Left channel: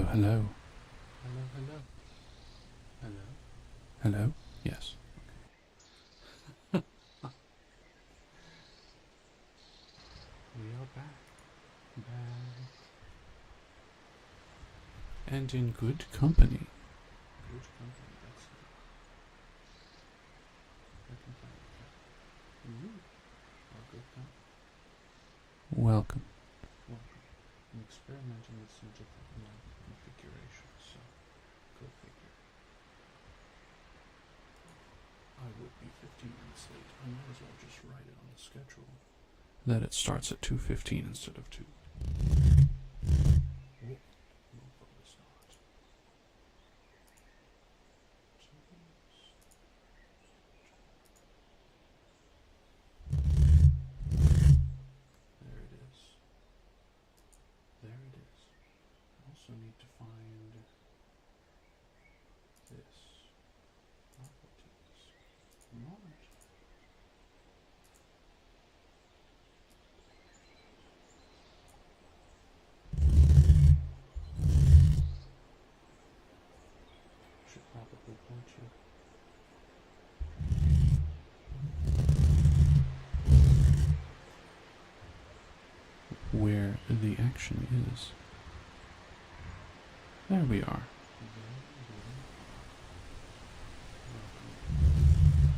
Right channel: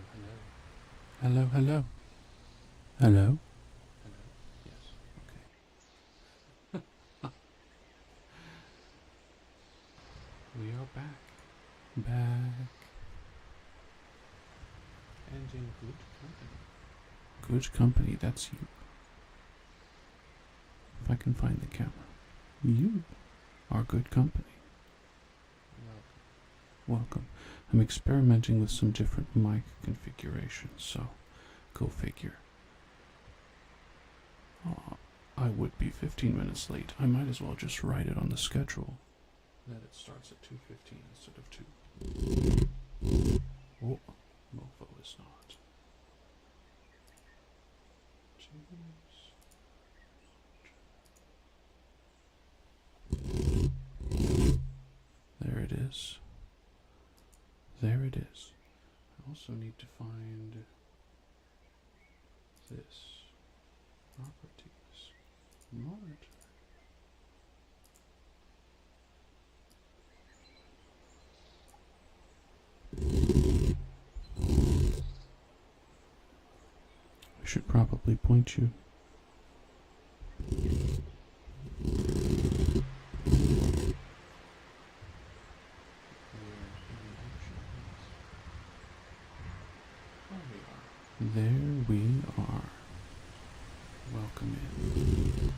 Hello, hello. Hello, hello. Hello? Hello? Yes. Okay. We are back. Back. And in good company. Good company, that's you. If I can find the camera. You are good company. Welcome. Welcome. I'm experimenting with some different mic configurations, so go figure. I would be 15 minutes late. I might as well just write it on the schedule that it starts at 2:15 instead of 2. Oh, mofo is not. There it is. There it is. I also need to find this. Properties. Monitor. I should probably point you. Where the action is. There we are. There we are. Welcome in.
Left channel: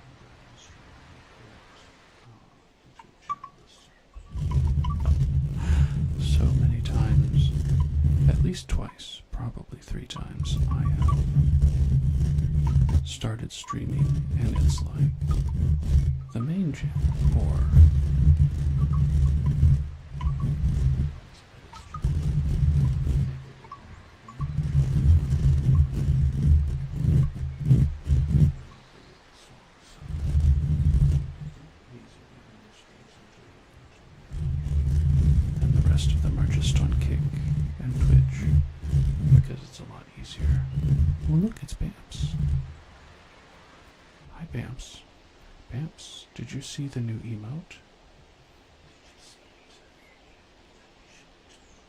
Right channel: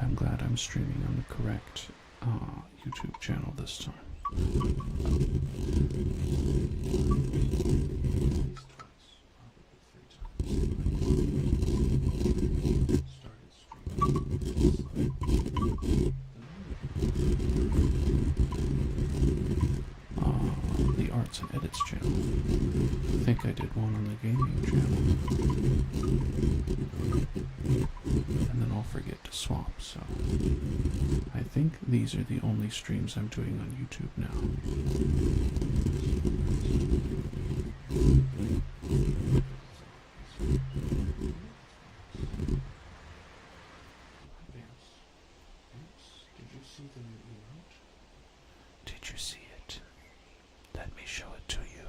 I'm glad I'm streaming on the correct YouTube channel this time. So many times, at least twice, probably 3 times, I have started streaming and it's like the main channel or the arts and edits channel. I think I did one on the gaming channel. And then I'll forget to swap, so I think these are the only streams I'm doing on YouTube now. And the rest of them are just on Kick and Twitch, because it's a lot easier. Well, look, it's Bamps. Hi, Bamps. Bamps, did you see the new emote? Did you see it? Let me show it to you.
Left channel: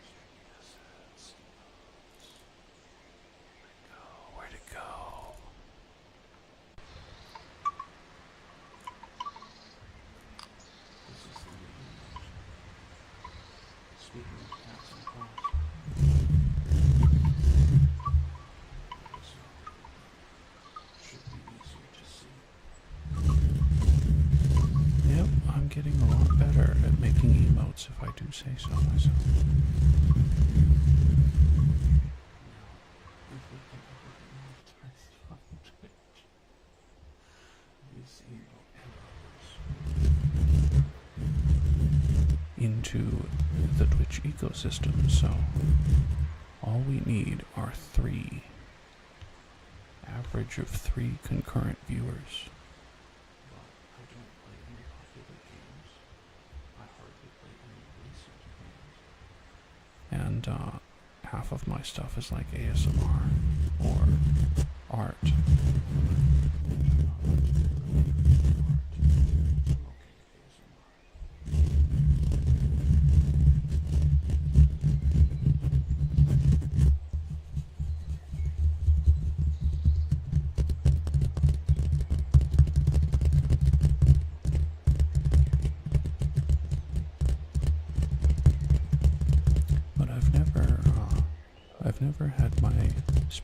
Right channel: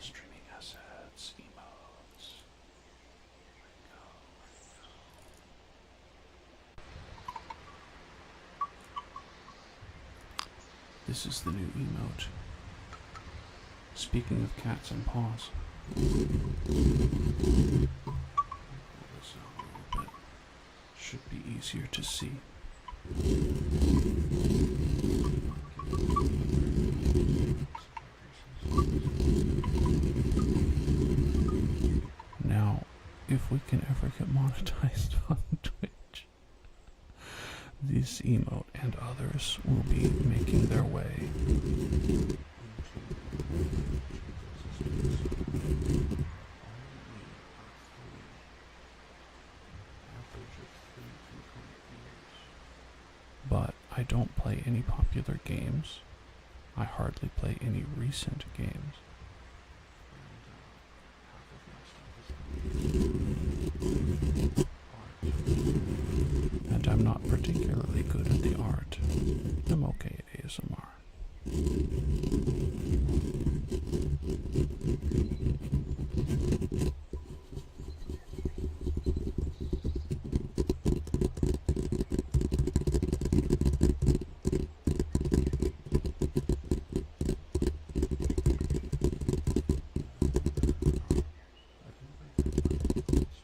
Streaming assets, emotes. Where'd it go? This is the new emote. Speaking of cats and paws. Should be easier to see. Yep, I'm getting a lot better at making emotes if I do say so myself. Now, if we can ever get monetized on Twitch, this emote and others will be making their way into the Twitch ecosystem, so all we need are 3, average of 3 concurrent viewers. But I don't play any popular games. I hardly play any recent games. And half of my stuff is like ASMR or art. And I'm not particularly good at the art. I'm okay at ASMR.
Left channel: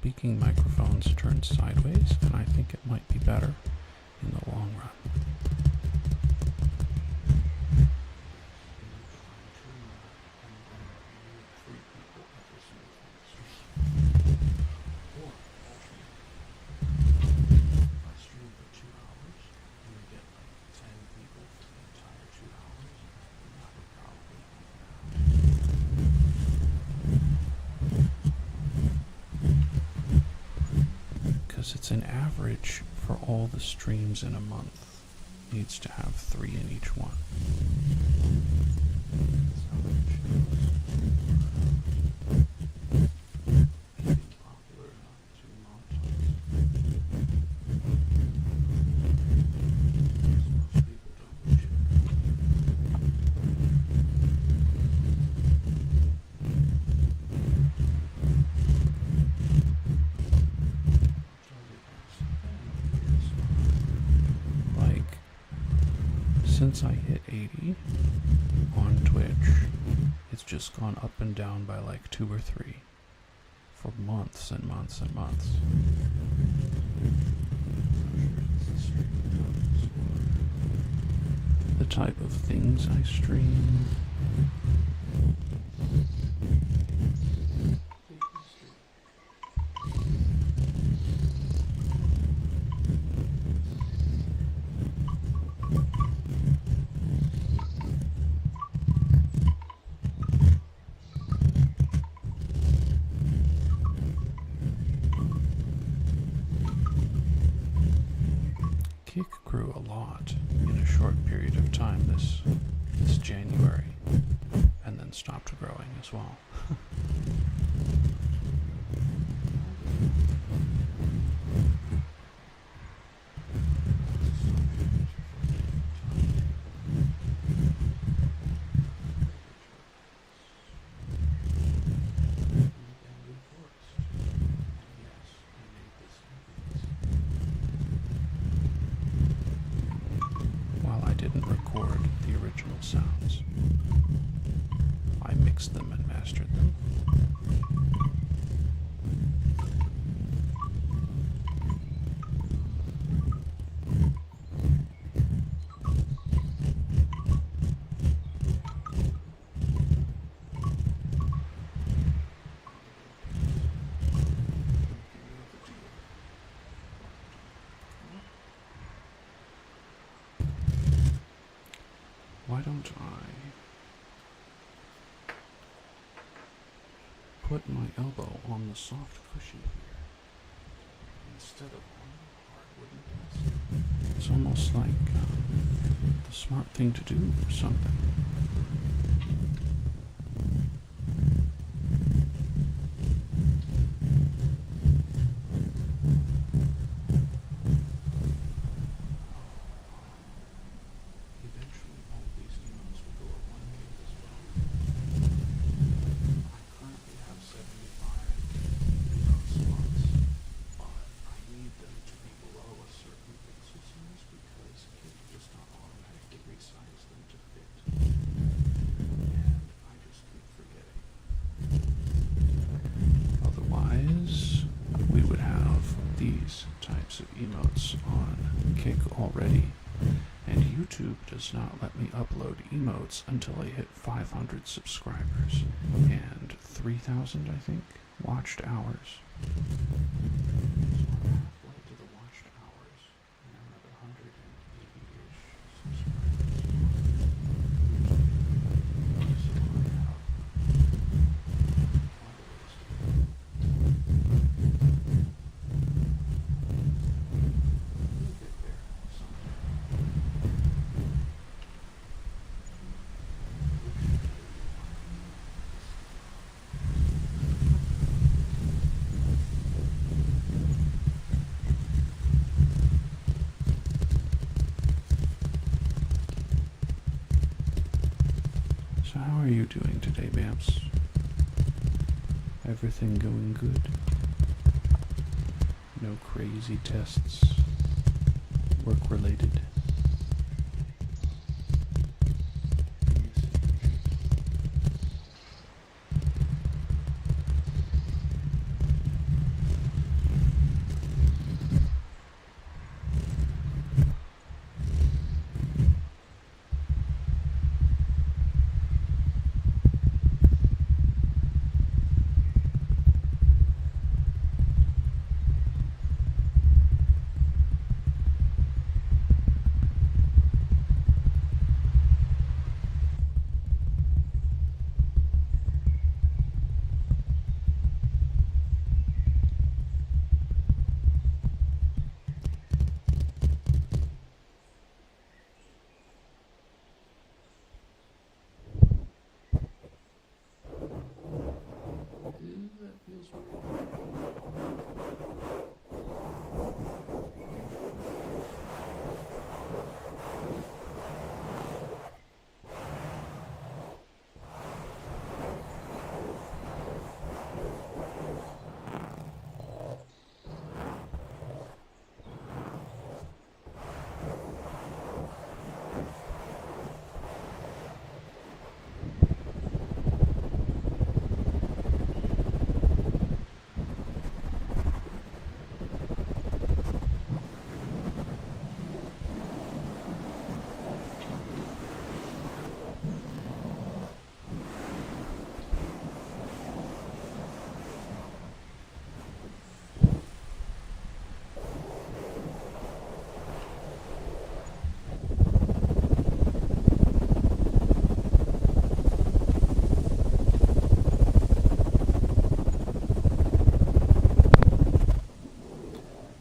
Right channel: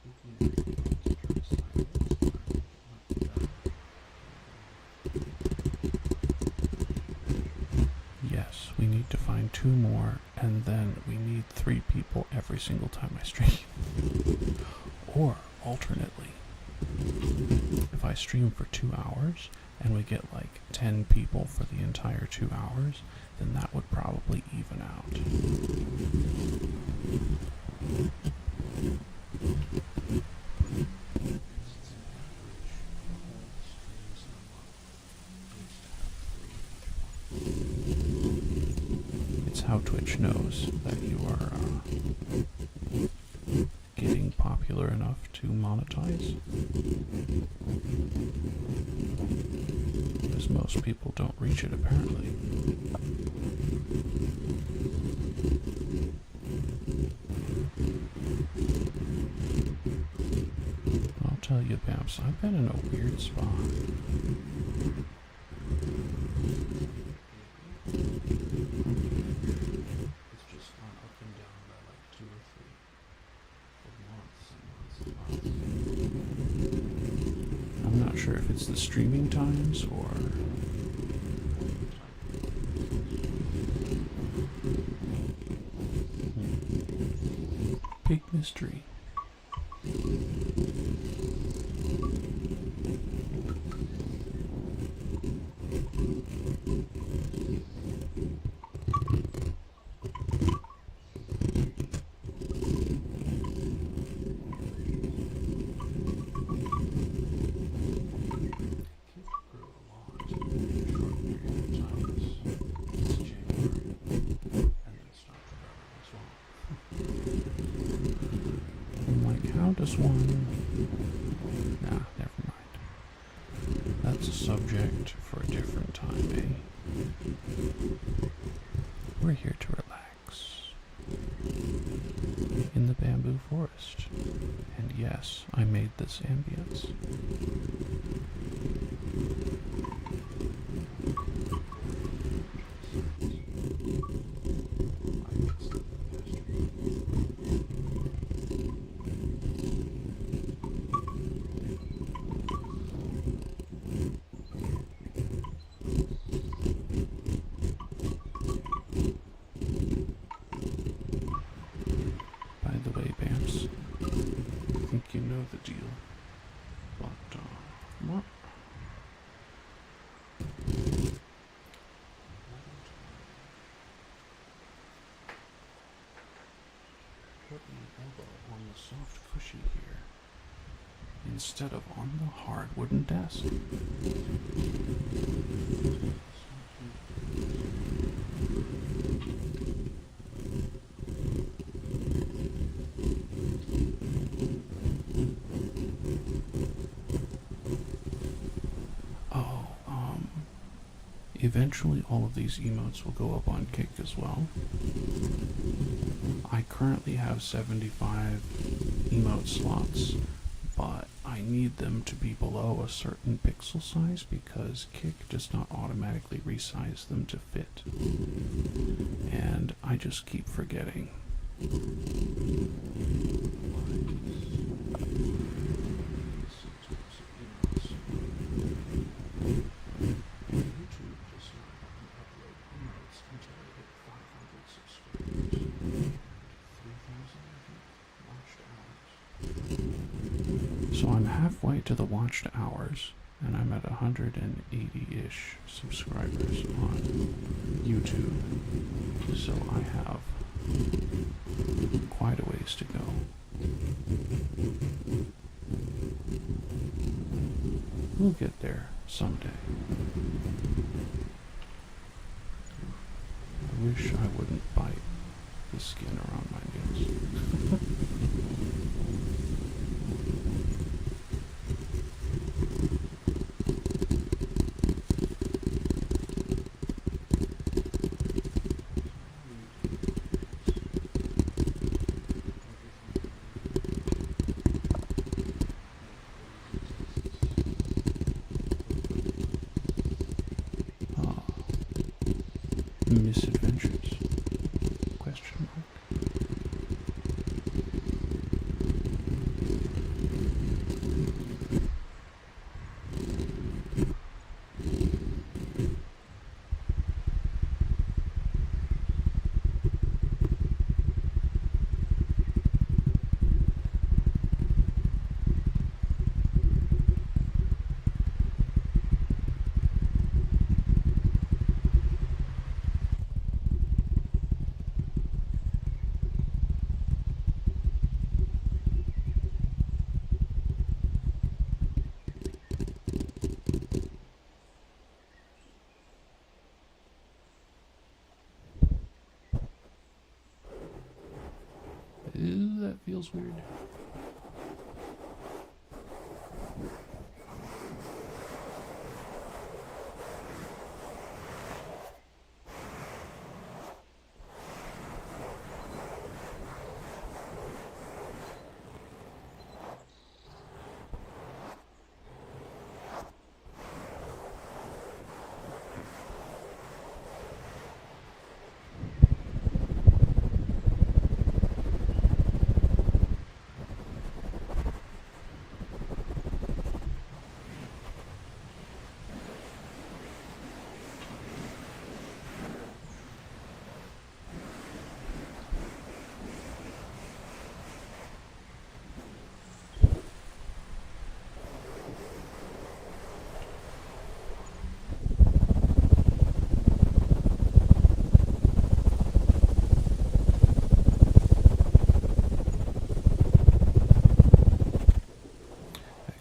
speaking microphones turned sideways, and I think it might be better in the long run. Yes, we need to find 2 more, and then we need 3 people every single time I stream. Or, alternately, if I stream for 2 hours, and we get like 10 people for the entire 2 hours, then that would probably even out. Because it's an average for all the streams in a month. Needs to have 3 in each one. It's how Twitch knows that you are getting popular enough to monetize. Because most people don't reach it, apparently. I'll tell you, Bamps, I've been in a weird spot. Like, since I hit 80 on Twitch, it's just gone up and down by like 2 or 3 for months and months and months. I'm not sure if it's the streaming times or the type of things I stream. Big mystery. Kick grew a lot in a short period of time this January, and then stopped growing as well. I'm like, how does one... Nah, never mind. That's a subject for a different time, eh? We're here to relax. In the bamboo forest. And yes, I made this ambience. While I didn't record the original sounds, I mixed them and mastered them. By the way, Bams, I think you know the deal. But, what? Why don't I put my elbow on the soft cushion here instead of on the hard wooden desk? It's almost like the smart thing to do or something. Eventually all of these emotes will go up on Kick as well. I currently have 75 emote slots, but I need them to be below a certain pixel size because Kick does not automatically resize them to fit. And I just keep forgetting. Otherwise, we would have these types of emotes on Kick already. And YouTube does not let me upload emotes until I hit 500 subscribers and 3,000, I think, watched hours. So I'm halfway to the watched hours, and I'm at 180-ish subscribers on YouTube. So I have quite a ways to go. We'll get there someday. I wish I wouldn't bite the skin around my nose. So how are you doing today, Bamps? Everything going good? No crazy tests? Work-related? Misadventures? Question mark. feels weird.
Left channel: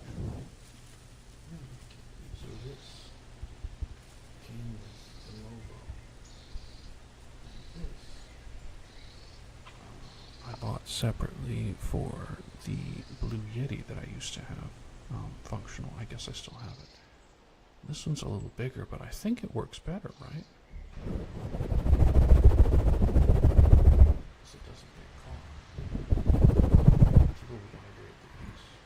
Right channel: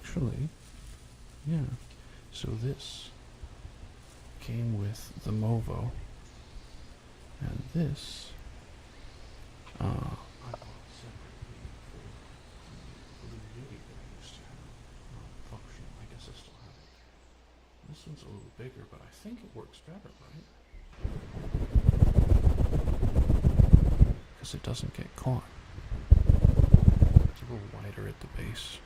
Actually, yeah. So this came with the Movo, and this I bought separately for the Blue Yeti that I used to have. Functional, I guess I still have it. This one's a little bigger, but I think it works better, right? Because it doesn't get caught. It's a little wider at the base.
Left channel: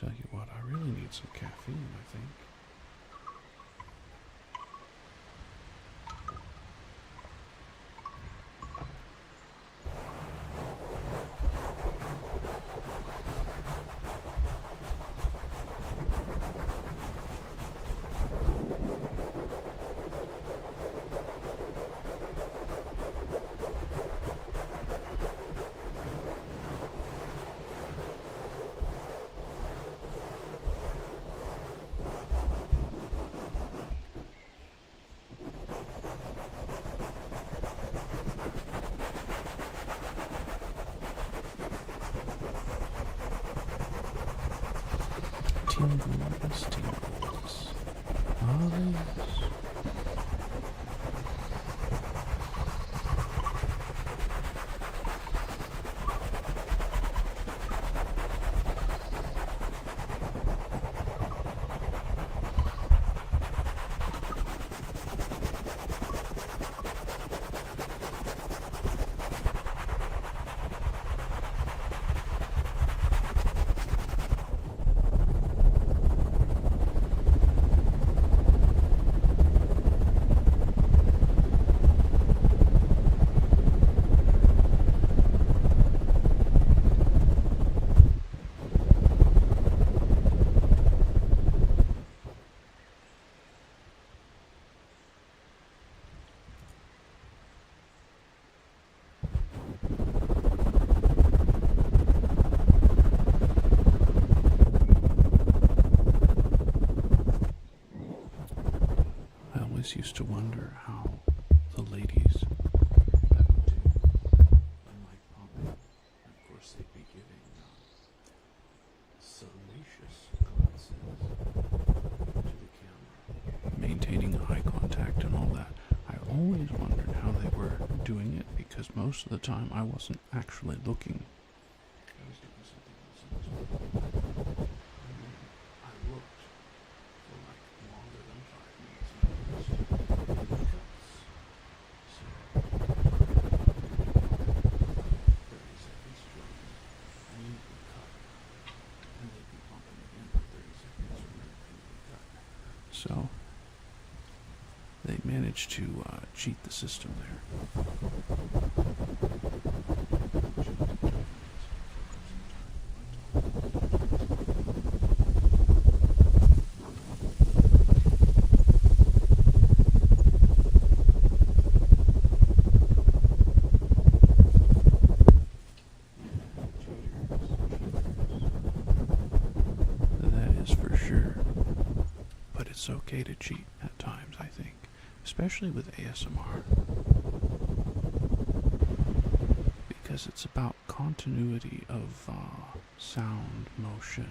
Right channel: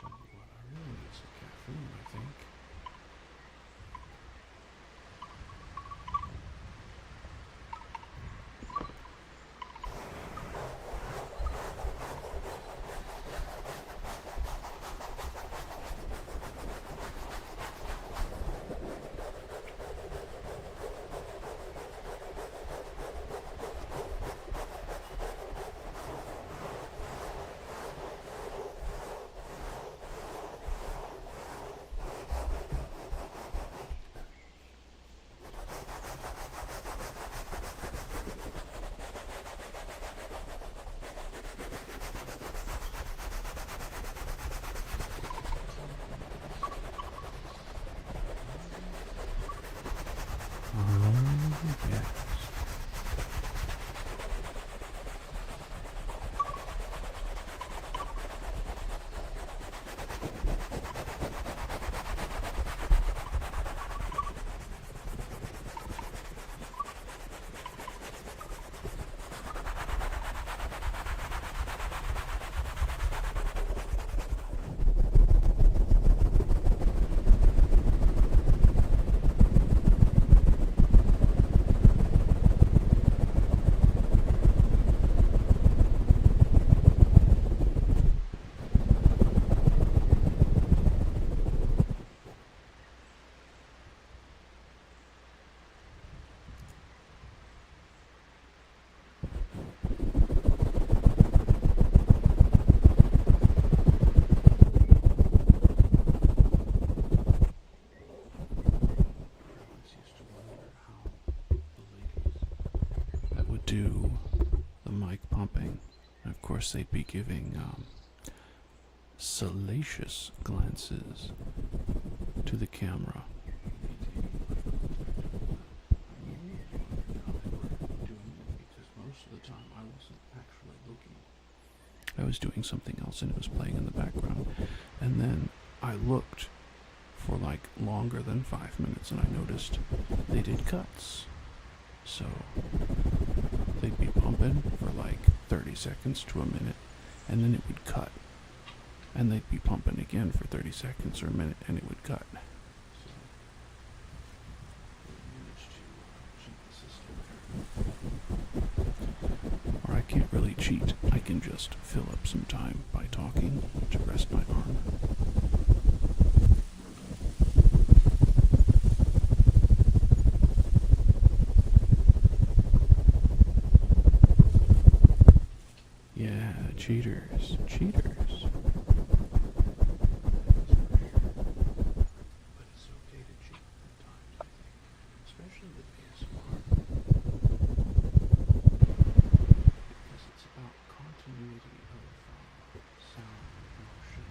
Tell you what, I really need some caffeine, I think. Tingles, tingles. Oh, yes. Used to wonder how the ladies that would do the mic pumping, of course they'd be giving salacious glances to the camera, maintaining eye contact and all that. I always wondered how they were doing it because most of the time I wasn't actually looking. I was doing something else and it was playing in the background. And then I looked for like longer than 5 minutes and I noticed they did cuts. So they'd be pumping for like 30 seconds to a minute and then it would cut. And they'd be pumping again for 30 seconds or a minute and it would cut. So they managed to cheat the system there. Or I can't really cheat, I can just fill up some time by talking to rest my arm. cheaters. That is for sure. But it's okay to cheat at times, I think. Especially with ASMR. Because it's about continuity of sound, motion.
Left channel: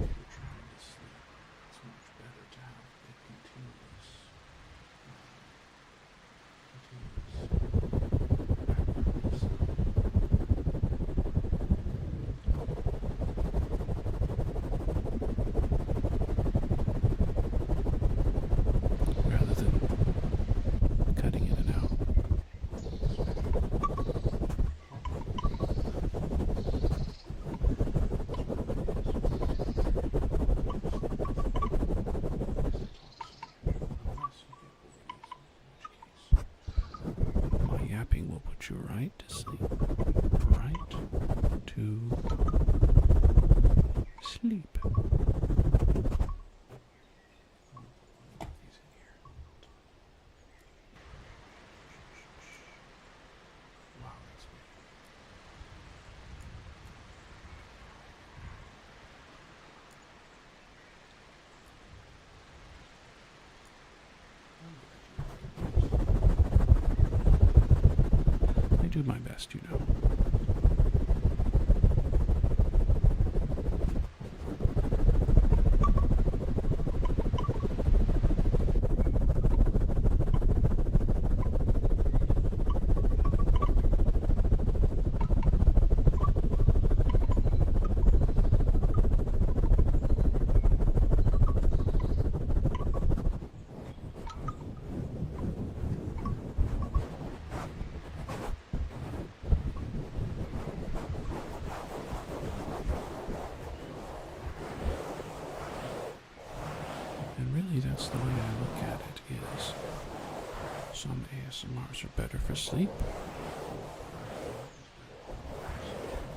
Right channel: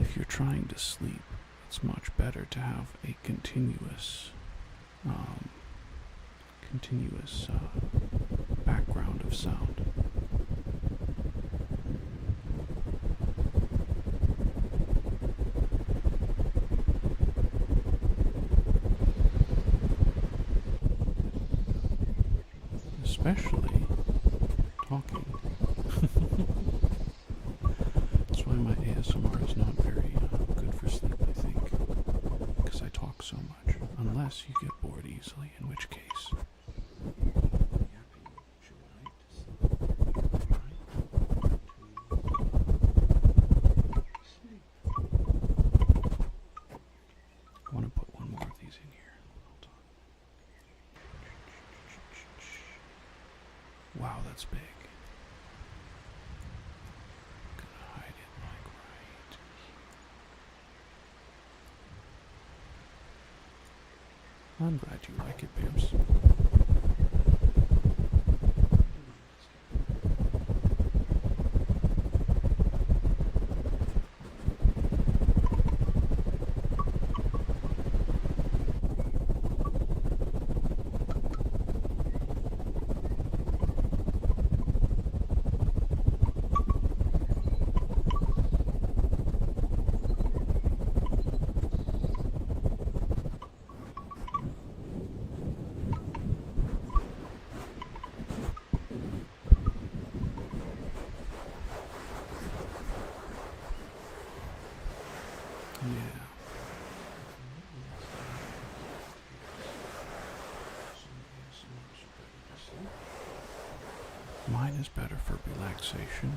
If you're trying to sleep, it's much better to have a continuous background of sound. Rather than cutting in and out. Especially talking. That's why my ASMR is not very good for sleep, I think. Because I talk so much. Unless you get bored easily, in which case my yapping will put you right to sleep. Right to sleep. I want to put one more of these in here. Hold on. Wow, that's big. Gonna hide it like right. I'm glad you like it, Bimps. I do my best, you know. And really that's the way I look at it is some ASMRs are better for sleep. Mine is better for relaxation.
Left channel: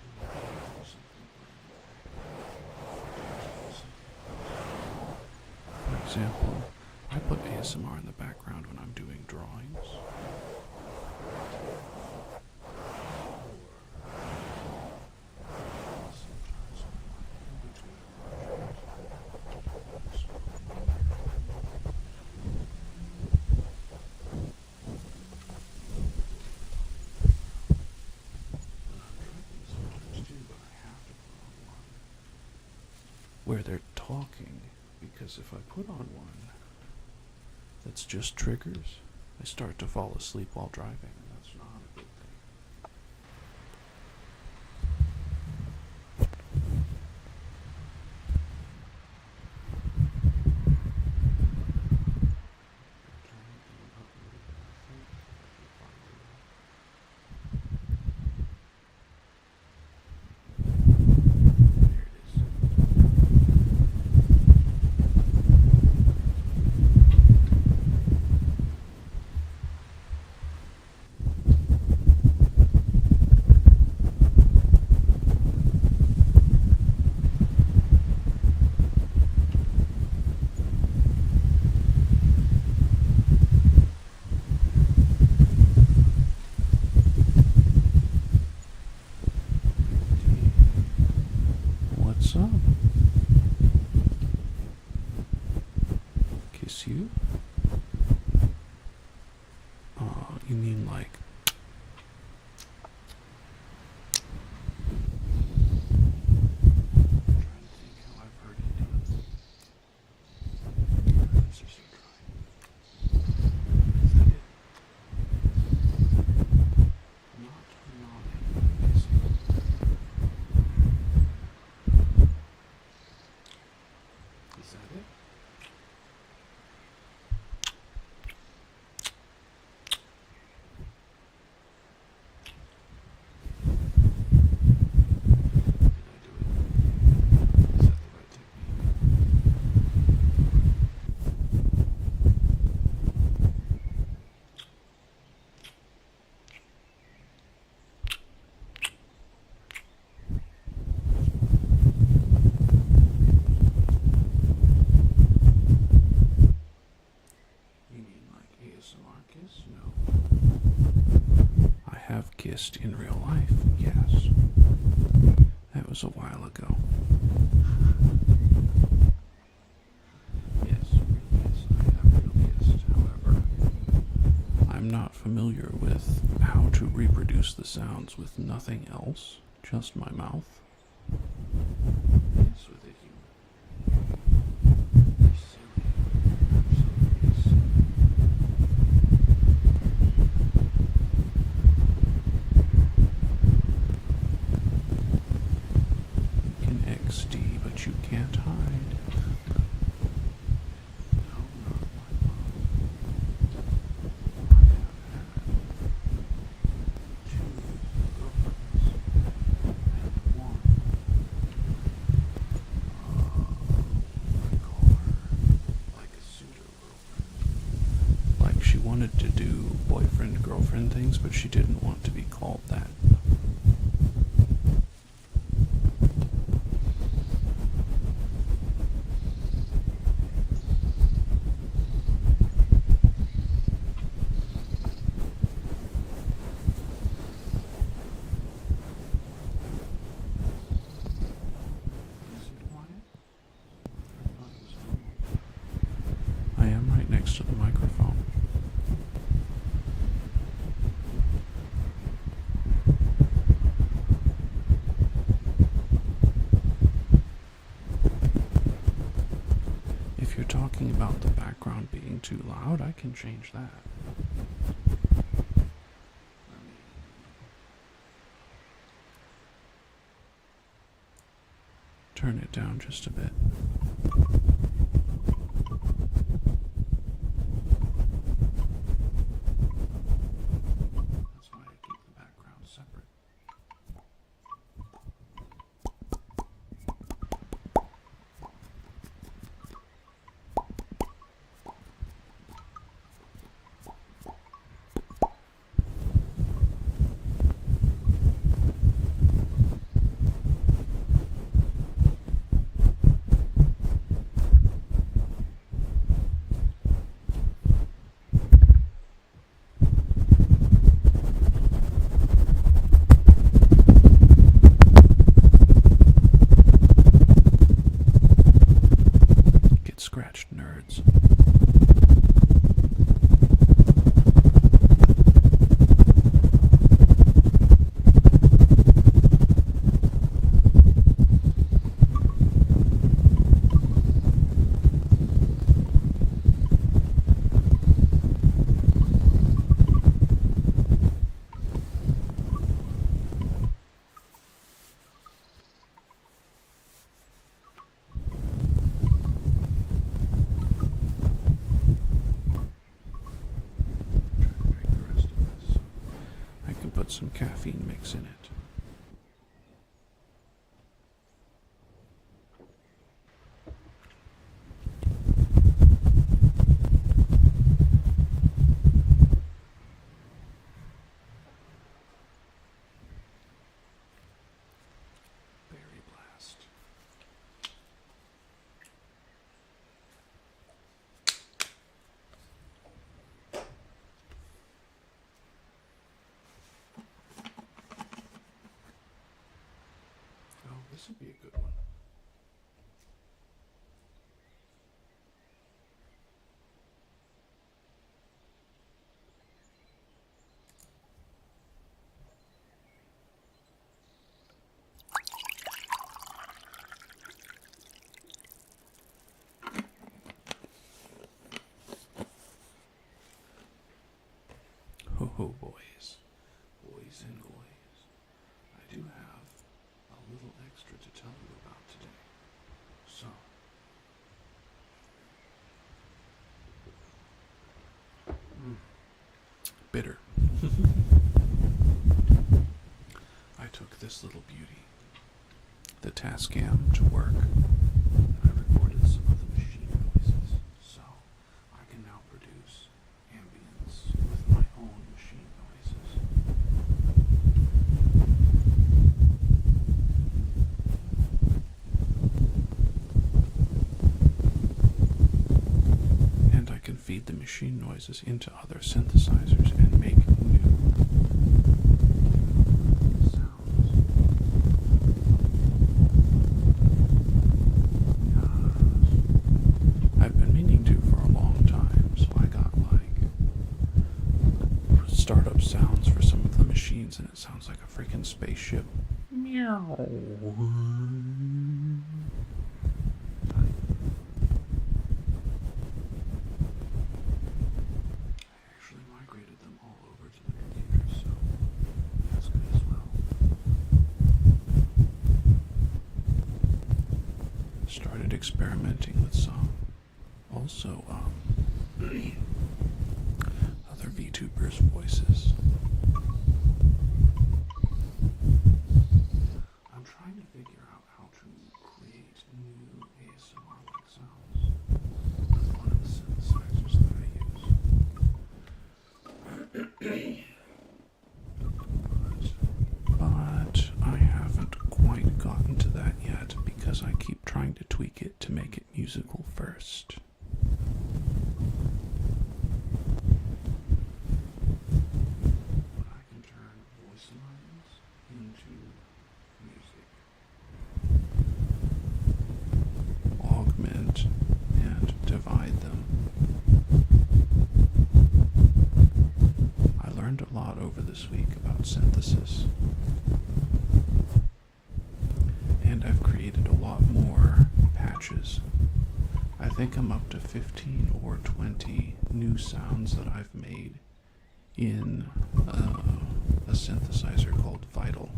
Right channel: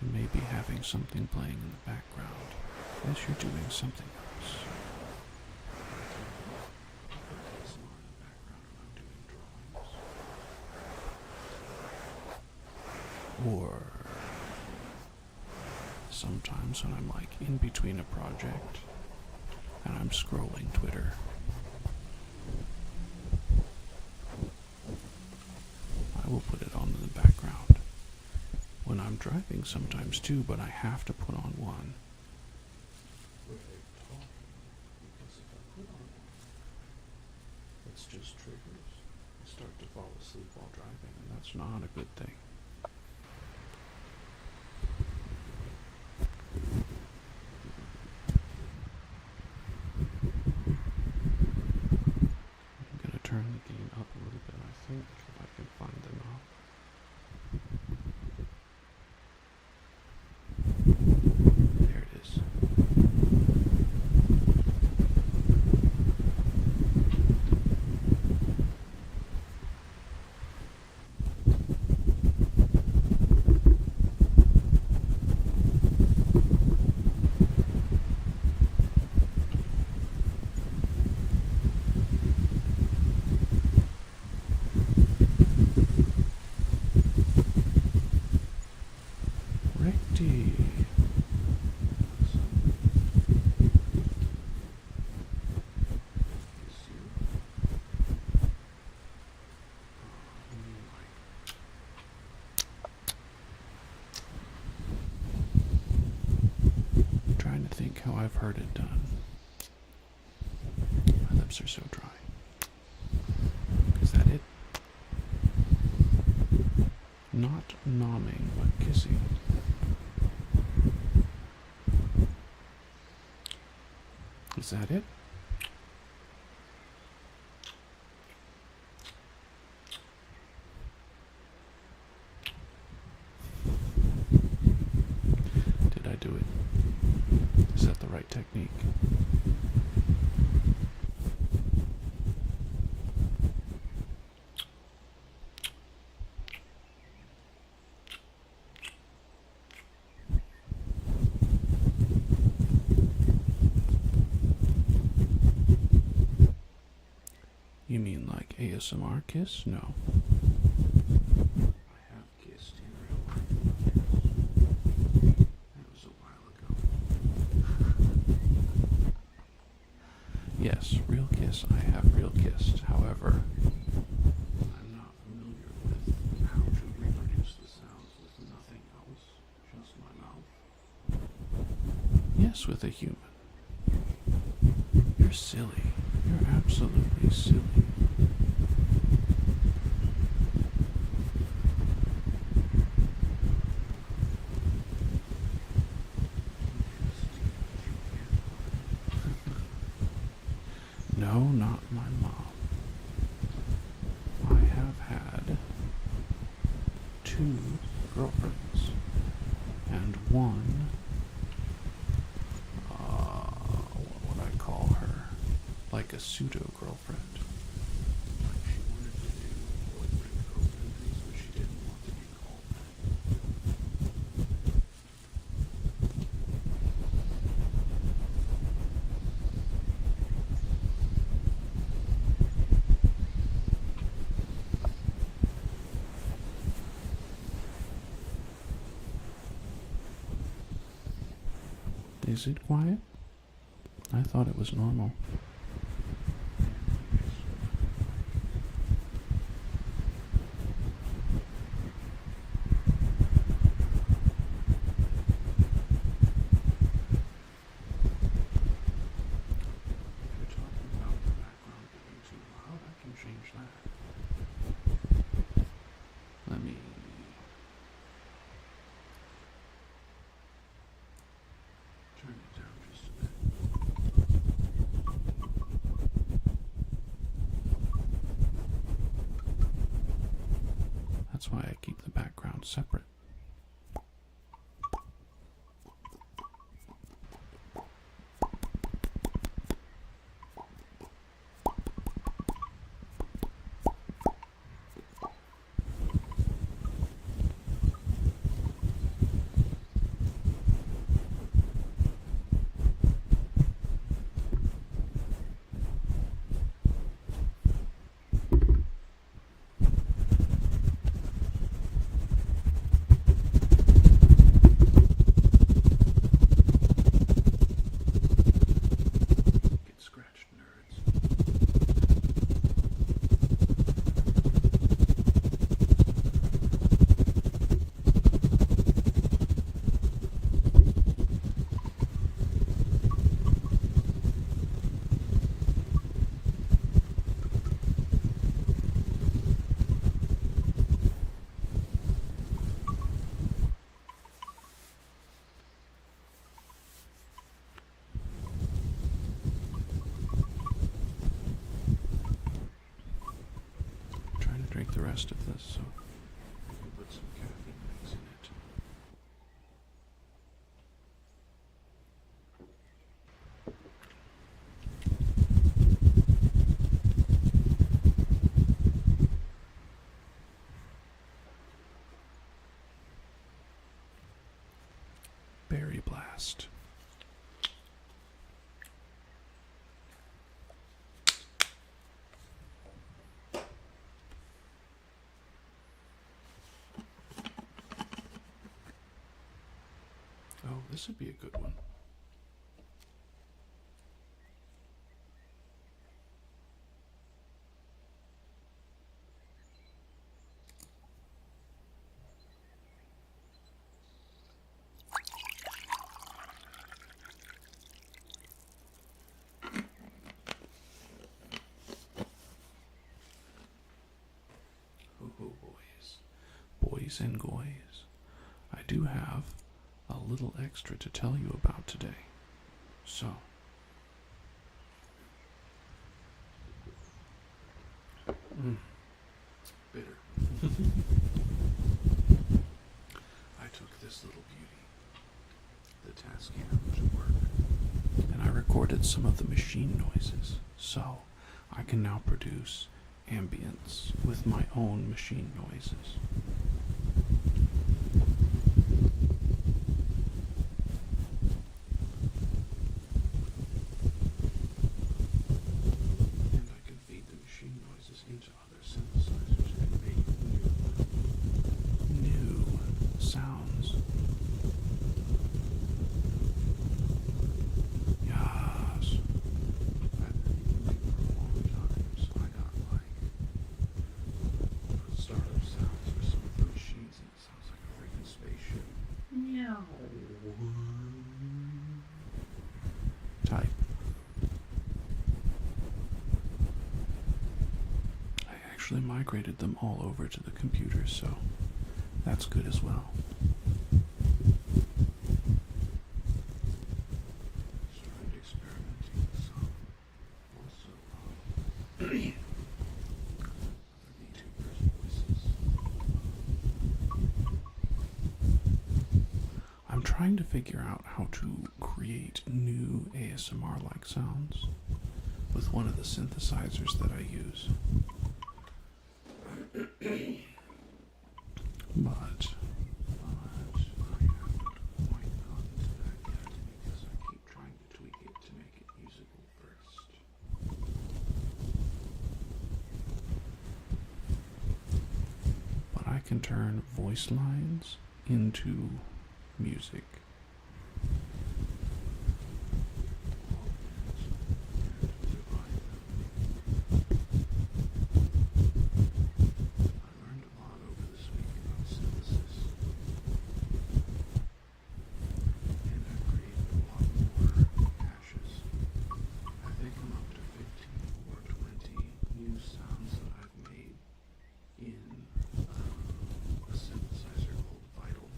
You may be having something playing in the background as you're doing something else. For example, I put ASMR in the background when I'm doing drawings. Or sometimes when I'm like in between a project and I'm scrolling Twitter. I will put it on in the background. When I'm driving sometimes too, but I have to put on one where they're talking, because if I put on one that's just triggers, I start to fall asleep while driving, and that's not a good thing. I'm gonna turn the thing up a little bit, I think, if I can find the knob. There it is. Righty. What's up? Kiss you? You mean like... I'm trying to think how I've heard it done. My lips are so dry. Is that it? Not nomming, but kissing. Is that it? Did I do it? Is that the right technique? You mean like ASMR kiss? No. I have kissed in real life, yes. That was a while ago. Yes, real kiss. I have real kissed. However, I'm not familiar with how to reproduce the sounds with nothing else, just my mouth. Yes, with a human. You're silly. You're absolutely silly. You can XD, but you can't hide. No, not my mom. I have had 2 girlfriends and one, what would I call her? Like a pseudo-girlfriend. Like she wanted to do boyfriend-girlfriend things, but she didn't want to be called that. Is it quiet? I thought it was normal. I am right next to the microphone. If you're talking about the background being too loud, I can change that. Let me... turn it down just a bit. That's why I keep the background separate. Scratched nerds. Put some caffeine mix in it. Berry blast. Oh, this would be a good one. Ho ho, boys. Boys and goys. I do have a little extra to tell you about today. So, bitter. I took this little beauty, the Tascam, to work, and I recorded some of the machine noises, so I can now produce ambience with my own machine noises. And I can feed the machine noises into other synthesizers and make new Ow. Type. I actually migrated them all over to the computer, so that's good as well. Started experimenting with some. Also, other VTubers' voices. I'm trying to figure out how to create new ASMR-like sounds with one of the synthesizers that I use. But I haven't quite gotten to that yet because I keep trying to tweak it to make it musical first. But I can turn voice lines into music, augment and divide them. I learned a lot over this week about synthesis, and I've created a lot more patches. I think I'm up to 15 or 20 new sounds that I've made in a synthesizer called Vital.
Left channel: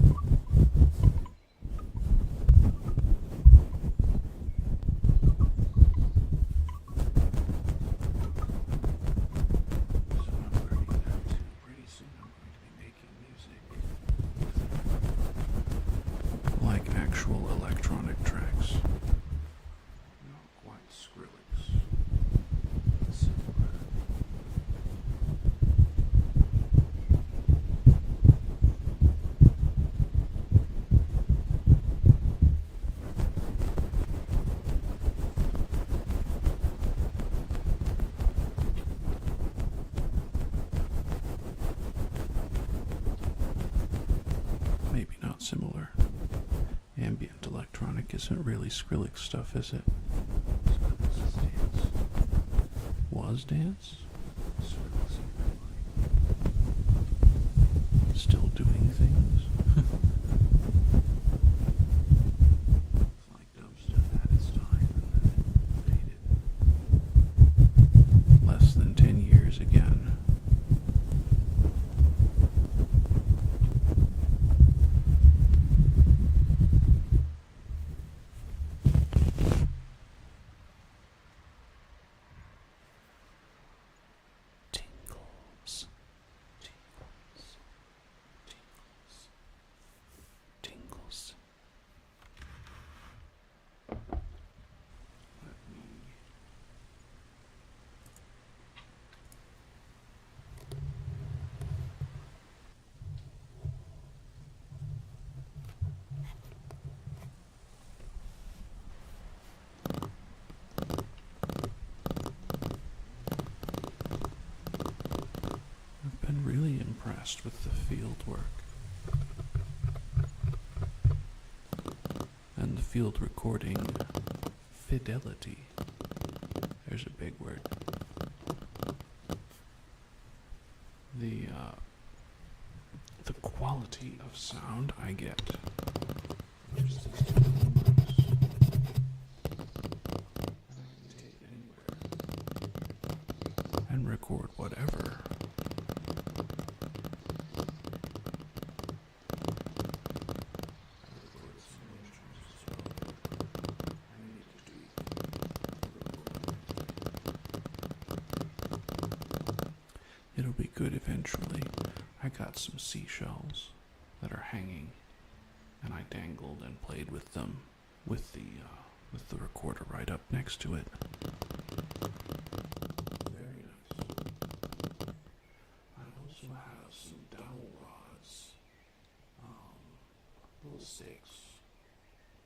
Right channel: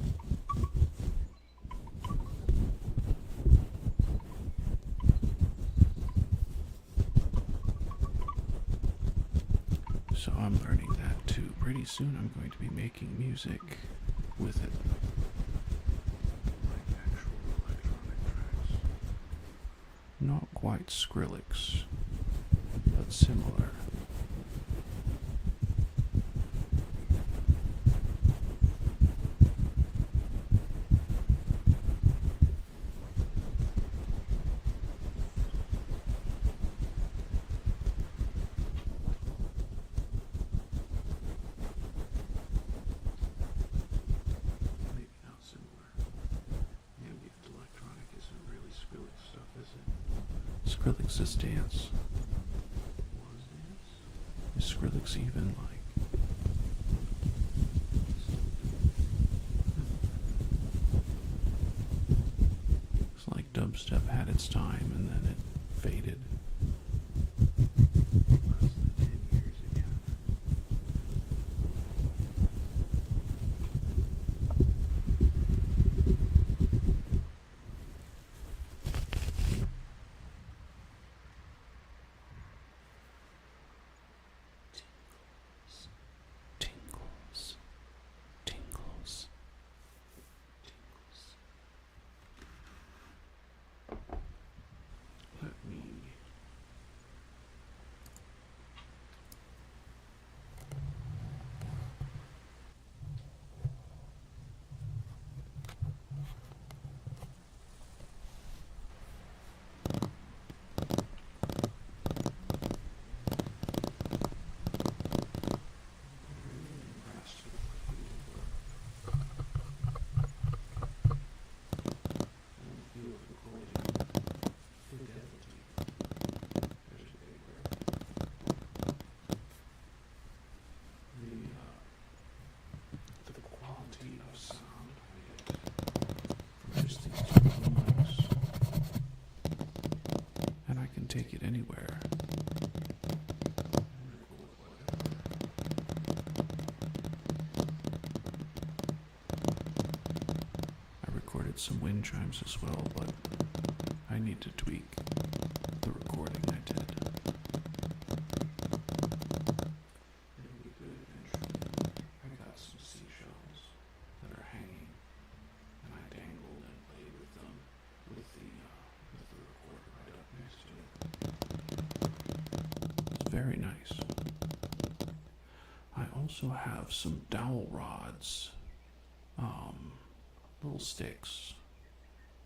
So I'm learning that too. Pretty soon I'm going to be making music with it, like actual electronic tracks. Not quite Skrillex, but similar. Maybe not similar. Ambient electronic isn't really Skrillex stuff, is it? Skrillex is dance. Was dance? Is Skrillex even like still doing things? It's like dubstep had its time and then it faded. Less than 10 years again. With the field work and the field recording fidelity. There's a big word. The quality of sound I get from just these two little mics, and I can take it anywhere and record whatever. Some wind chimes as well, but I need to tweak the recording I did. It'll be good eventually. I got some seashells that are hanging, and I dangled and played with them with the recorder right up next to it. Very nice. I also have some dowel rods, little sticks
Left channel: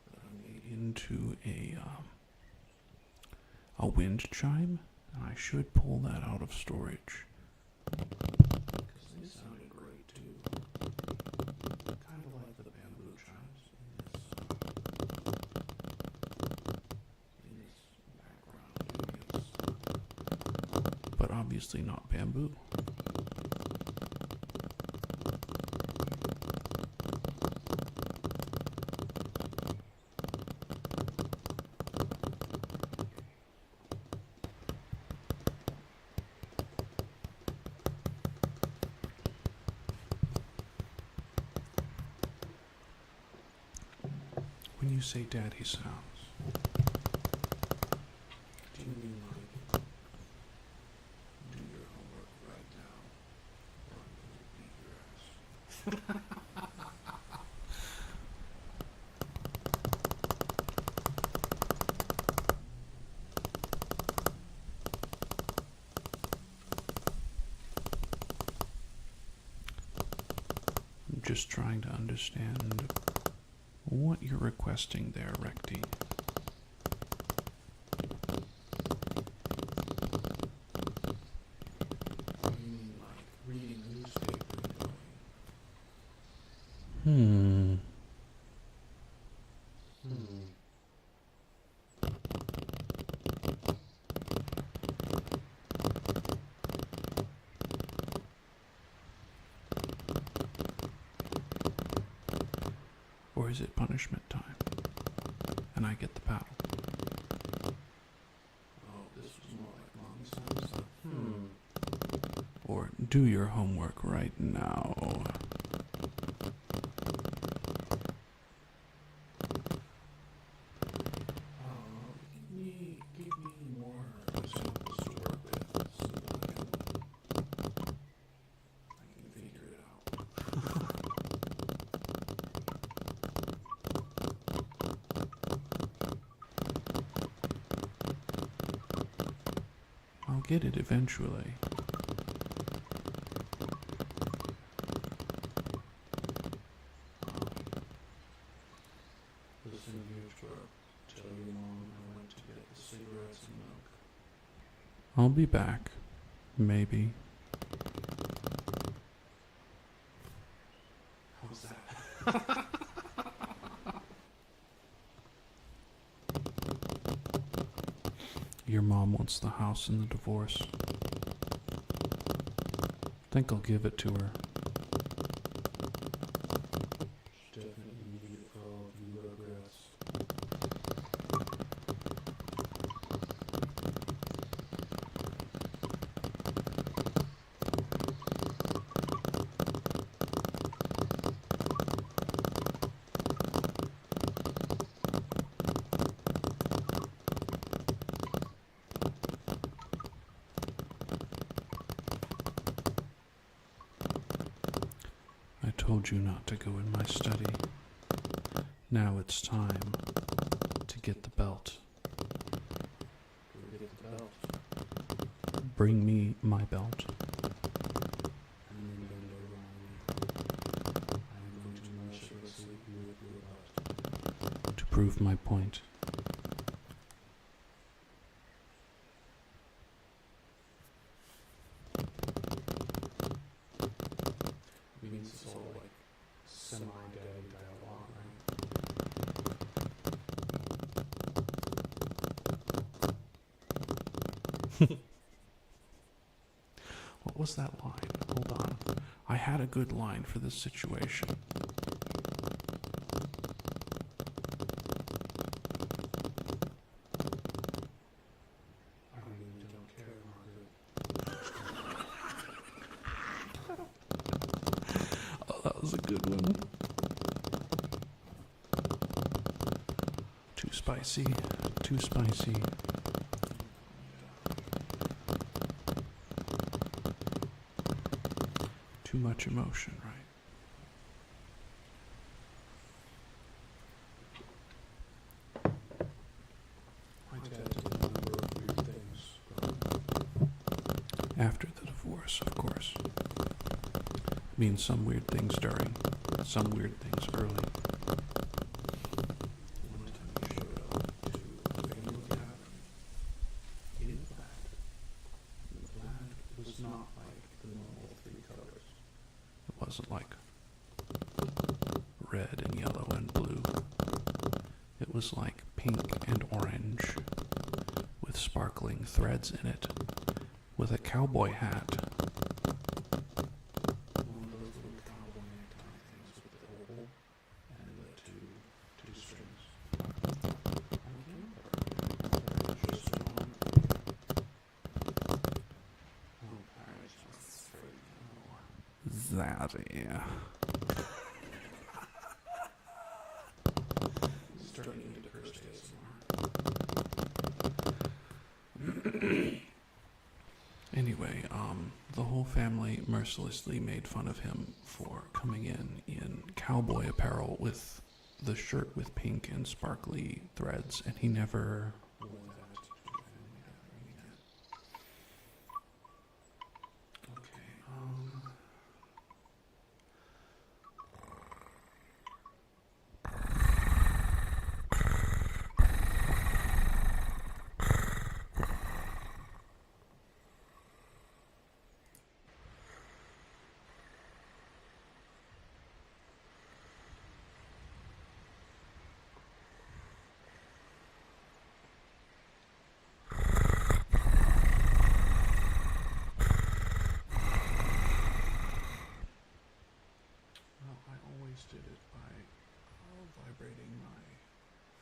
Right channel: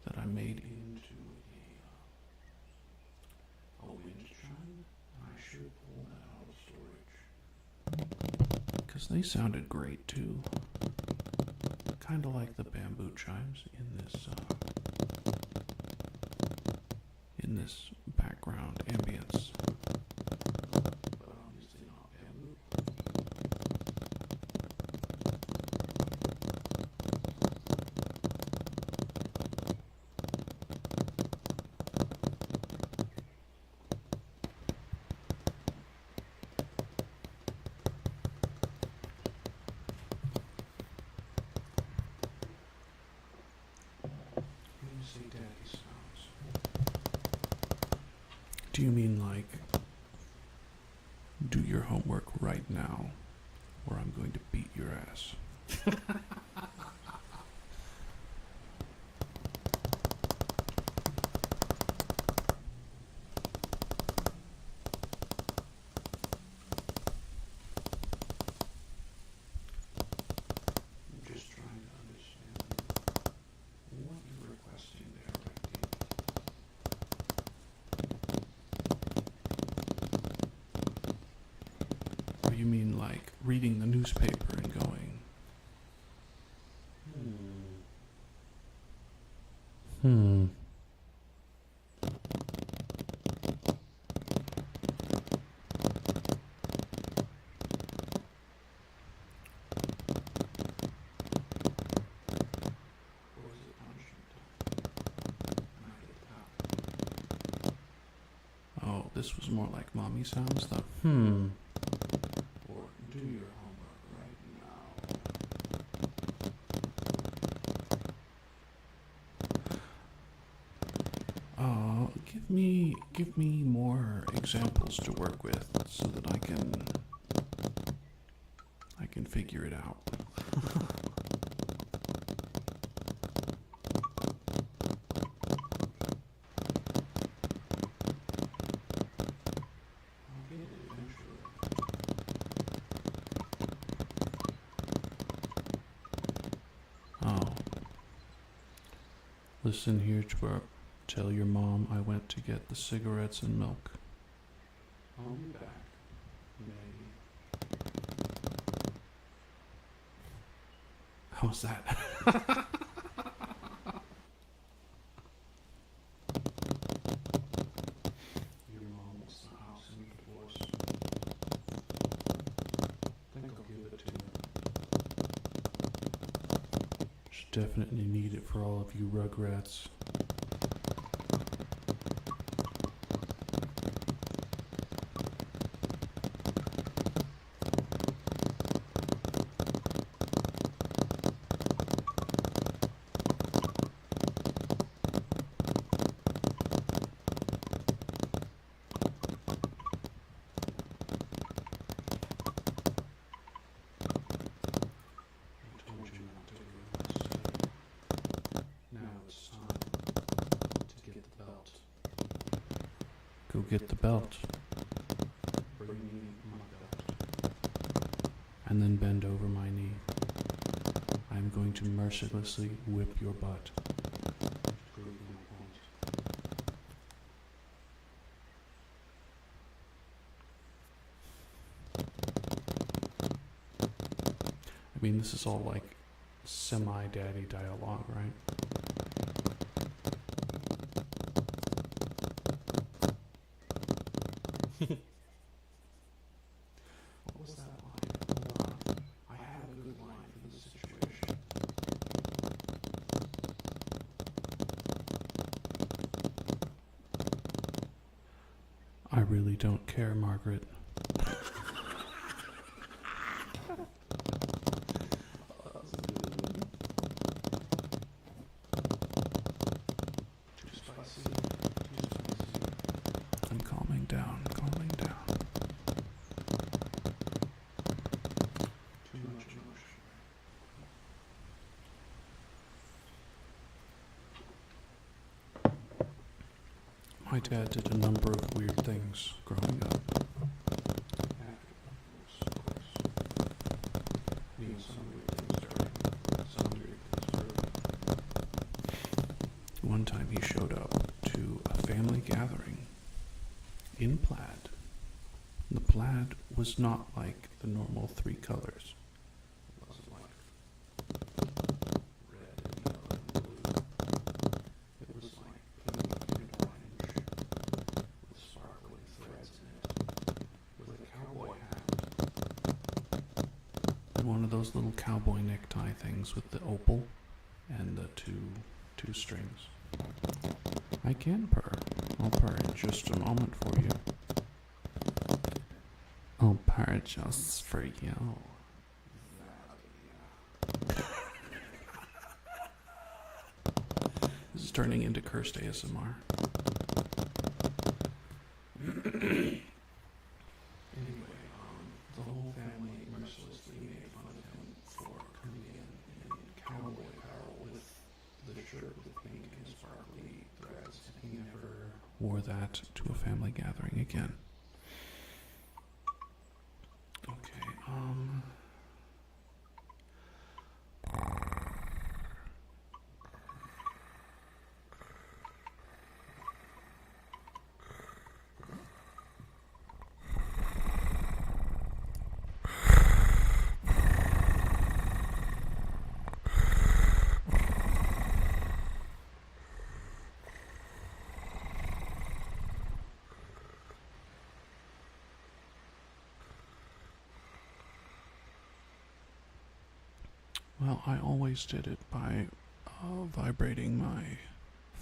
that I made into a wind chime, and I should pull that out of storage because they sounded great too, kind of like the bamboo chimes in this background ambience, but obviously not bamboo. say daddy's house, do you mean like, do your homework right now, or I'm going to beat your ass? I'm just trying to understand what you're requesting there, Recti. Or you mean like reading the newspaper and going, Or is it punishment time? And I get the paddle. Oh, this was more like mommy sounds, the or do your homework right now. Give me more examples to work with so that I can figure it out. I'll get it eventually. Oh. Listen here, twerp. Tell your mom I went to get the cigarettes and milk. I'll be back. Maybe. How's that? Your mom wants the house in the divorce. Think I'll give it to her. She definitely need it for all of you rugrats. I told you not to go in my study. Now it's time to get the belt. Go get the belt. Bring me my belt. And then bend over my knee. I'm going to mercilessly whip your butt to prove my point. I mean, this is all like semi-daddy dialogue, right? What was that line? Hold on. I had a good line for this situation. I really don't care, Margaret. That was a good one. Too spicy, too spicy. I'm calming down, calming down. Too much emotion, right? My dad did a number of weird things growing up. After the divorce, of course. I mean, some weird things during, some weird things early. One time he showed up to a family gathering in plaid. The plaid was not like the normal 3 colors. It wasn't like red and yellow and blue. It was like pink and orange with sparkling threads in it, with a cowboy hat. One of those little cowboy necktie things with the opal and the two strings. I can purr. I'll purr in just a moment for you. I'll purr just for you, Zaddy. Just turning into cursed ASMR. Anyway, the whole family mercilessly made fun of him for coming in cowboy apparel with the shirt with pink and sparkly threads, and he never wore that to a family gathering again. Okay, well, I always did it by vibrating my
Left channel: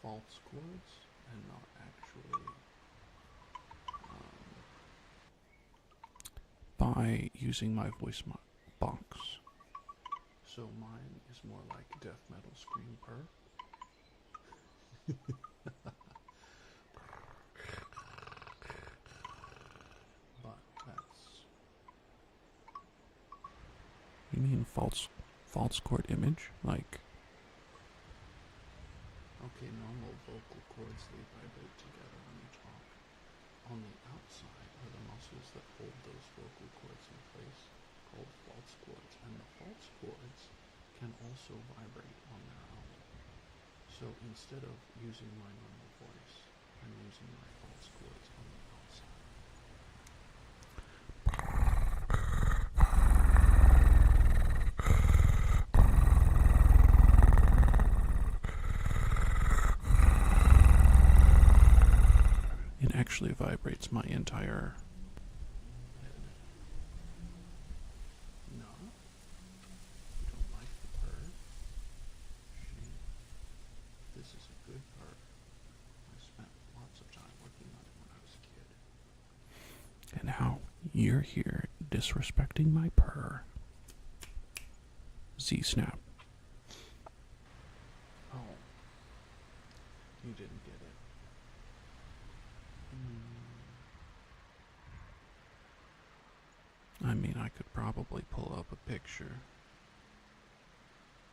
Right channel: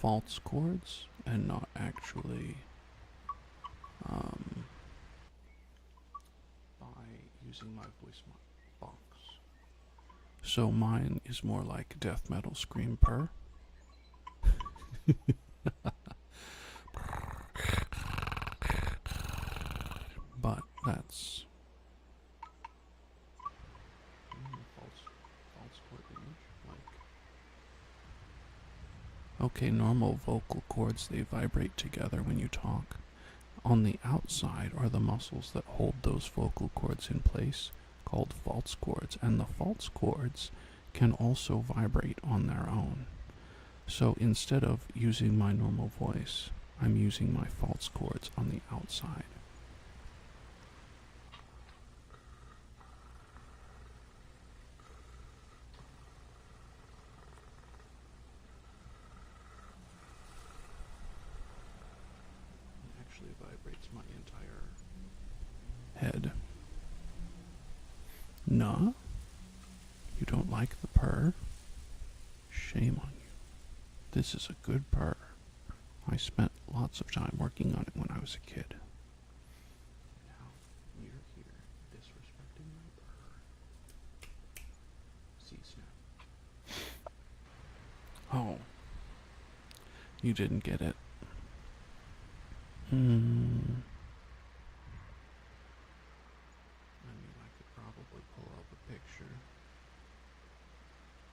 false chords and not actually by using my voice box. So mine is more like death metal scream purr. But that's... You mean false chord image? Like, okay, normal vocal cords, they vibrate together when you talk. On the outside are the muscles that hold those vocal cords in place, called false chords, and the false chords can also vibrate on their own. So instead of using my normal voice, I'm using my false chords on the outside. It actually vibrates my entire head. Nah? You don't like the purr? Shame on you. This is a good purr. I spent lots of time working on it when I was a kid. And now you're here disrespecting my purr. Z-snap. Oh. You didn't get it. I mean, I could probably pull up a picture.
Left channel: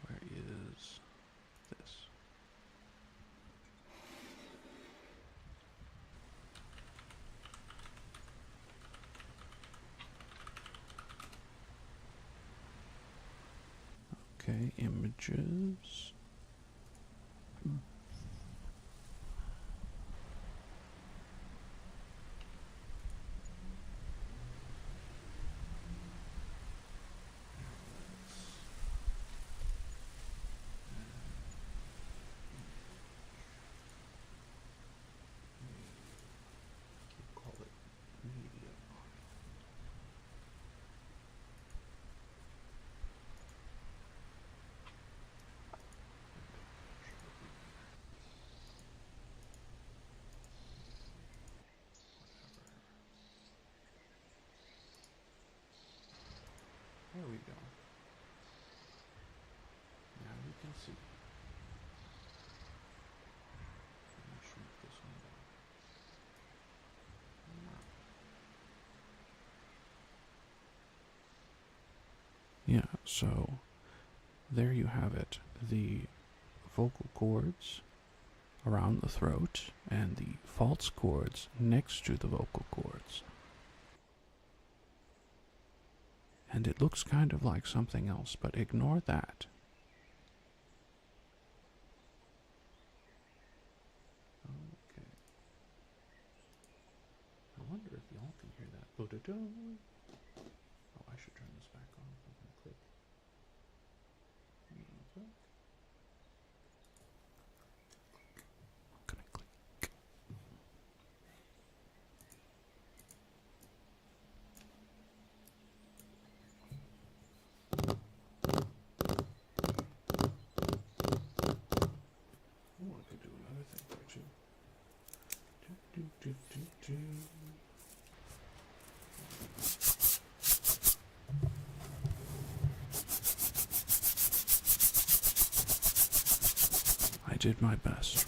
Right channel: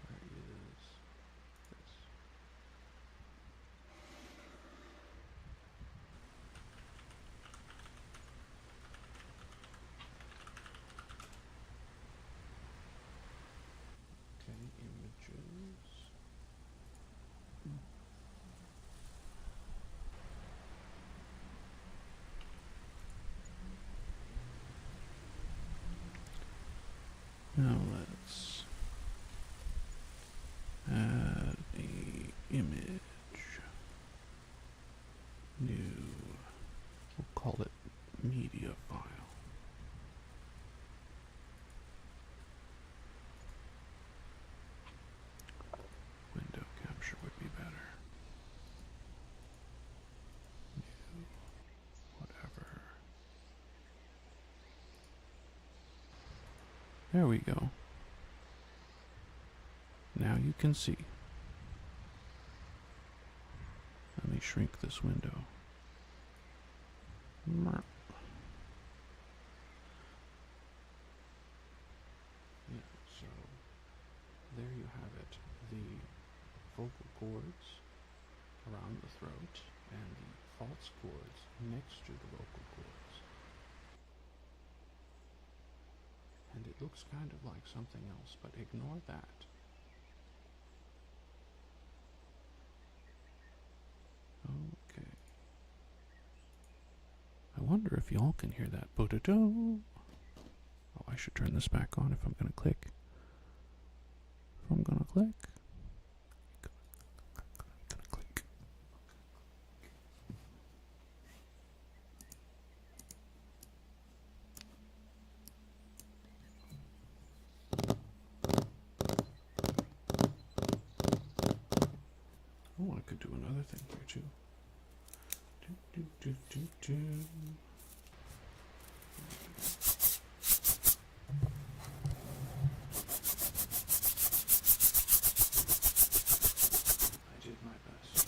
Where is this? Okay, images. Now let's add a image. New. We'll call it media file. Window capture would be better. Whatever. There we go. Now you can see. Let me shrink this window. Yeah, so there you have it. The vocal cords around the throat and the false chords next to the vocal cords. And it looks kind of like something else, but ignore that. Okay. I wonder if y'all can hear that. Bo-do-do. Oh, I should turn this back on if I'm going to click. If I'm going to click. Oh, I could do another thing here too. I did my best.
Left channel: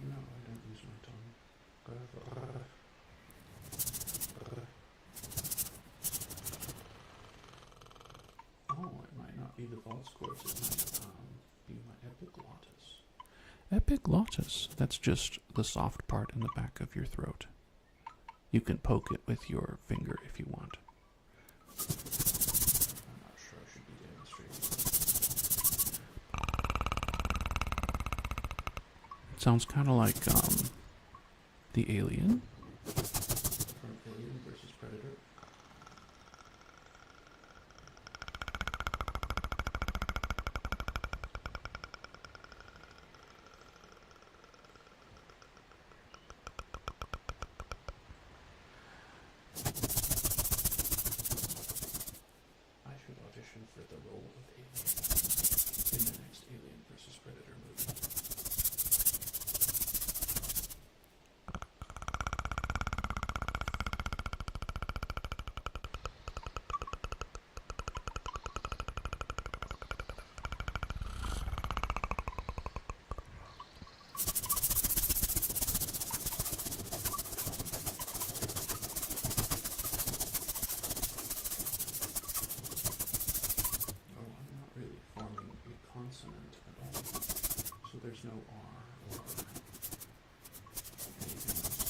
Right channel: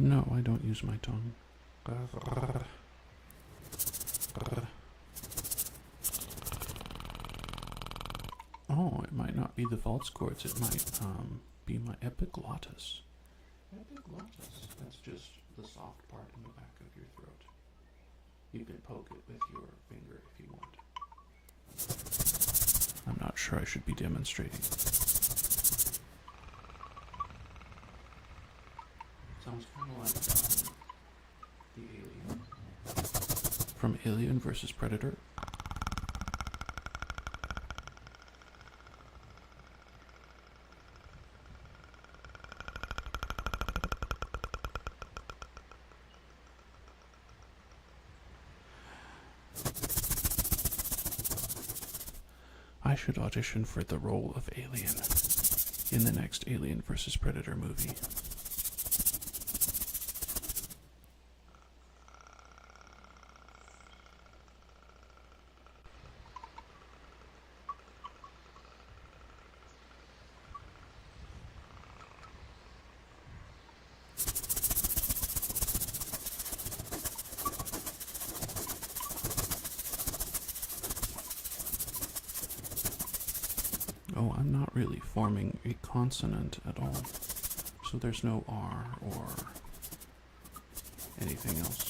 No, I don't use my tongue. Oh, it might not be the false chords, it might be my epiglottis. Epiglottis, that's just the soft part in the back of your throat. You can poke it with your finger if you want. I'm not sure I should be demonstrating. It sounds kind of like the alien from Alien vs. Predator. I should audition for the role of Alien in the next Alien vs. Predator movie. Oh, I'm not really forming a consonant at all, so there's no R or anything else.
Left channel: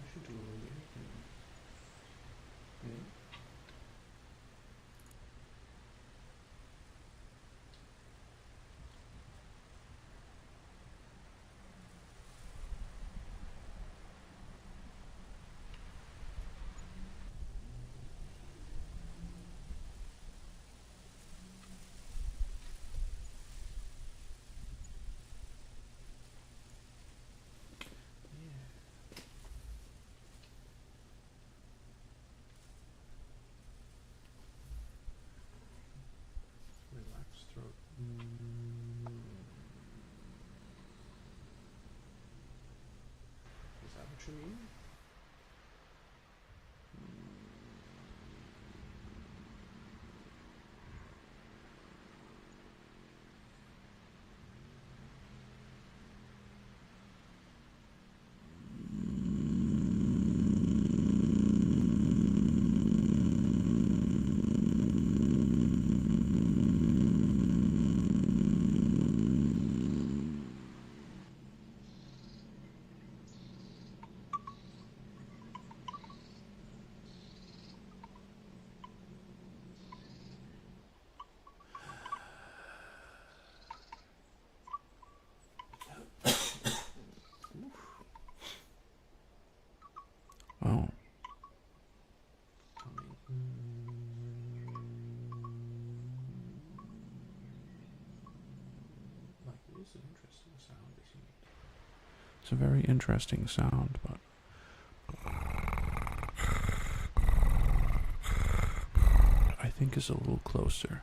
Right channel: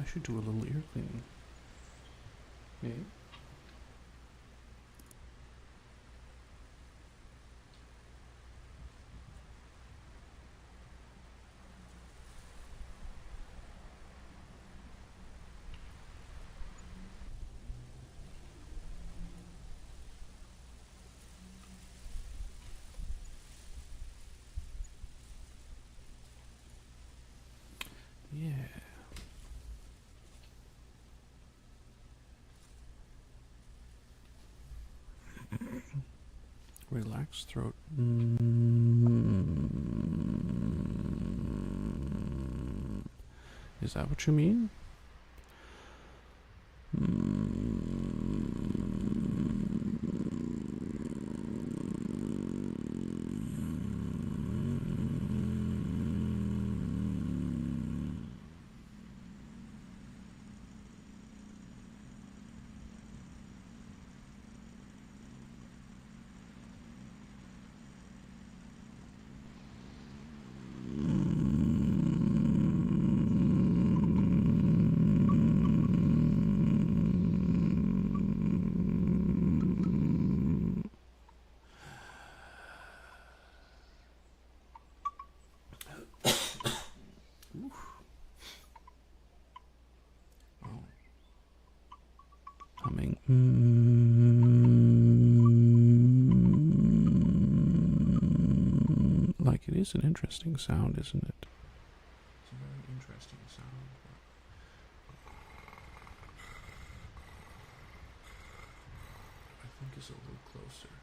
I should do a little ear thing. Okay. Yeah. Relaxed throat. Is that what you mean? is an interesting sound, isn't it? It's a very interesting sound, but I think is a little closer.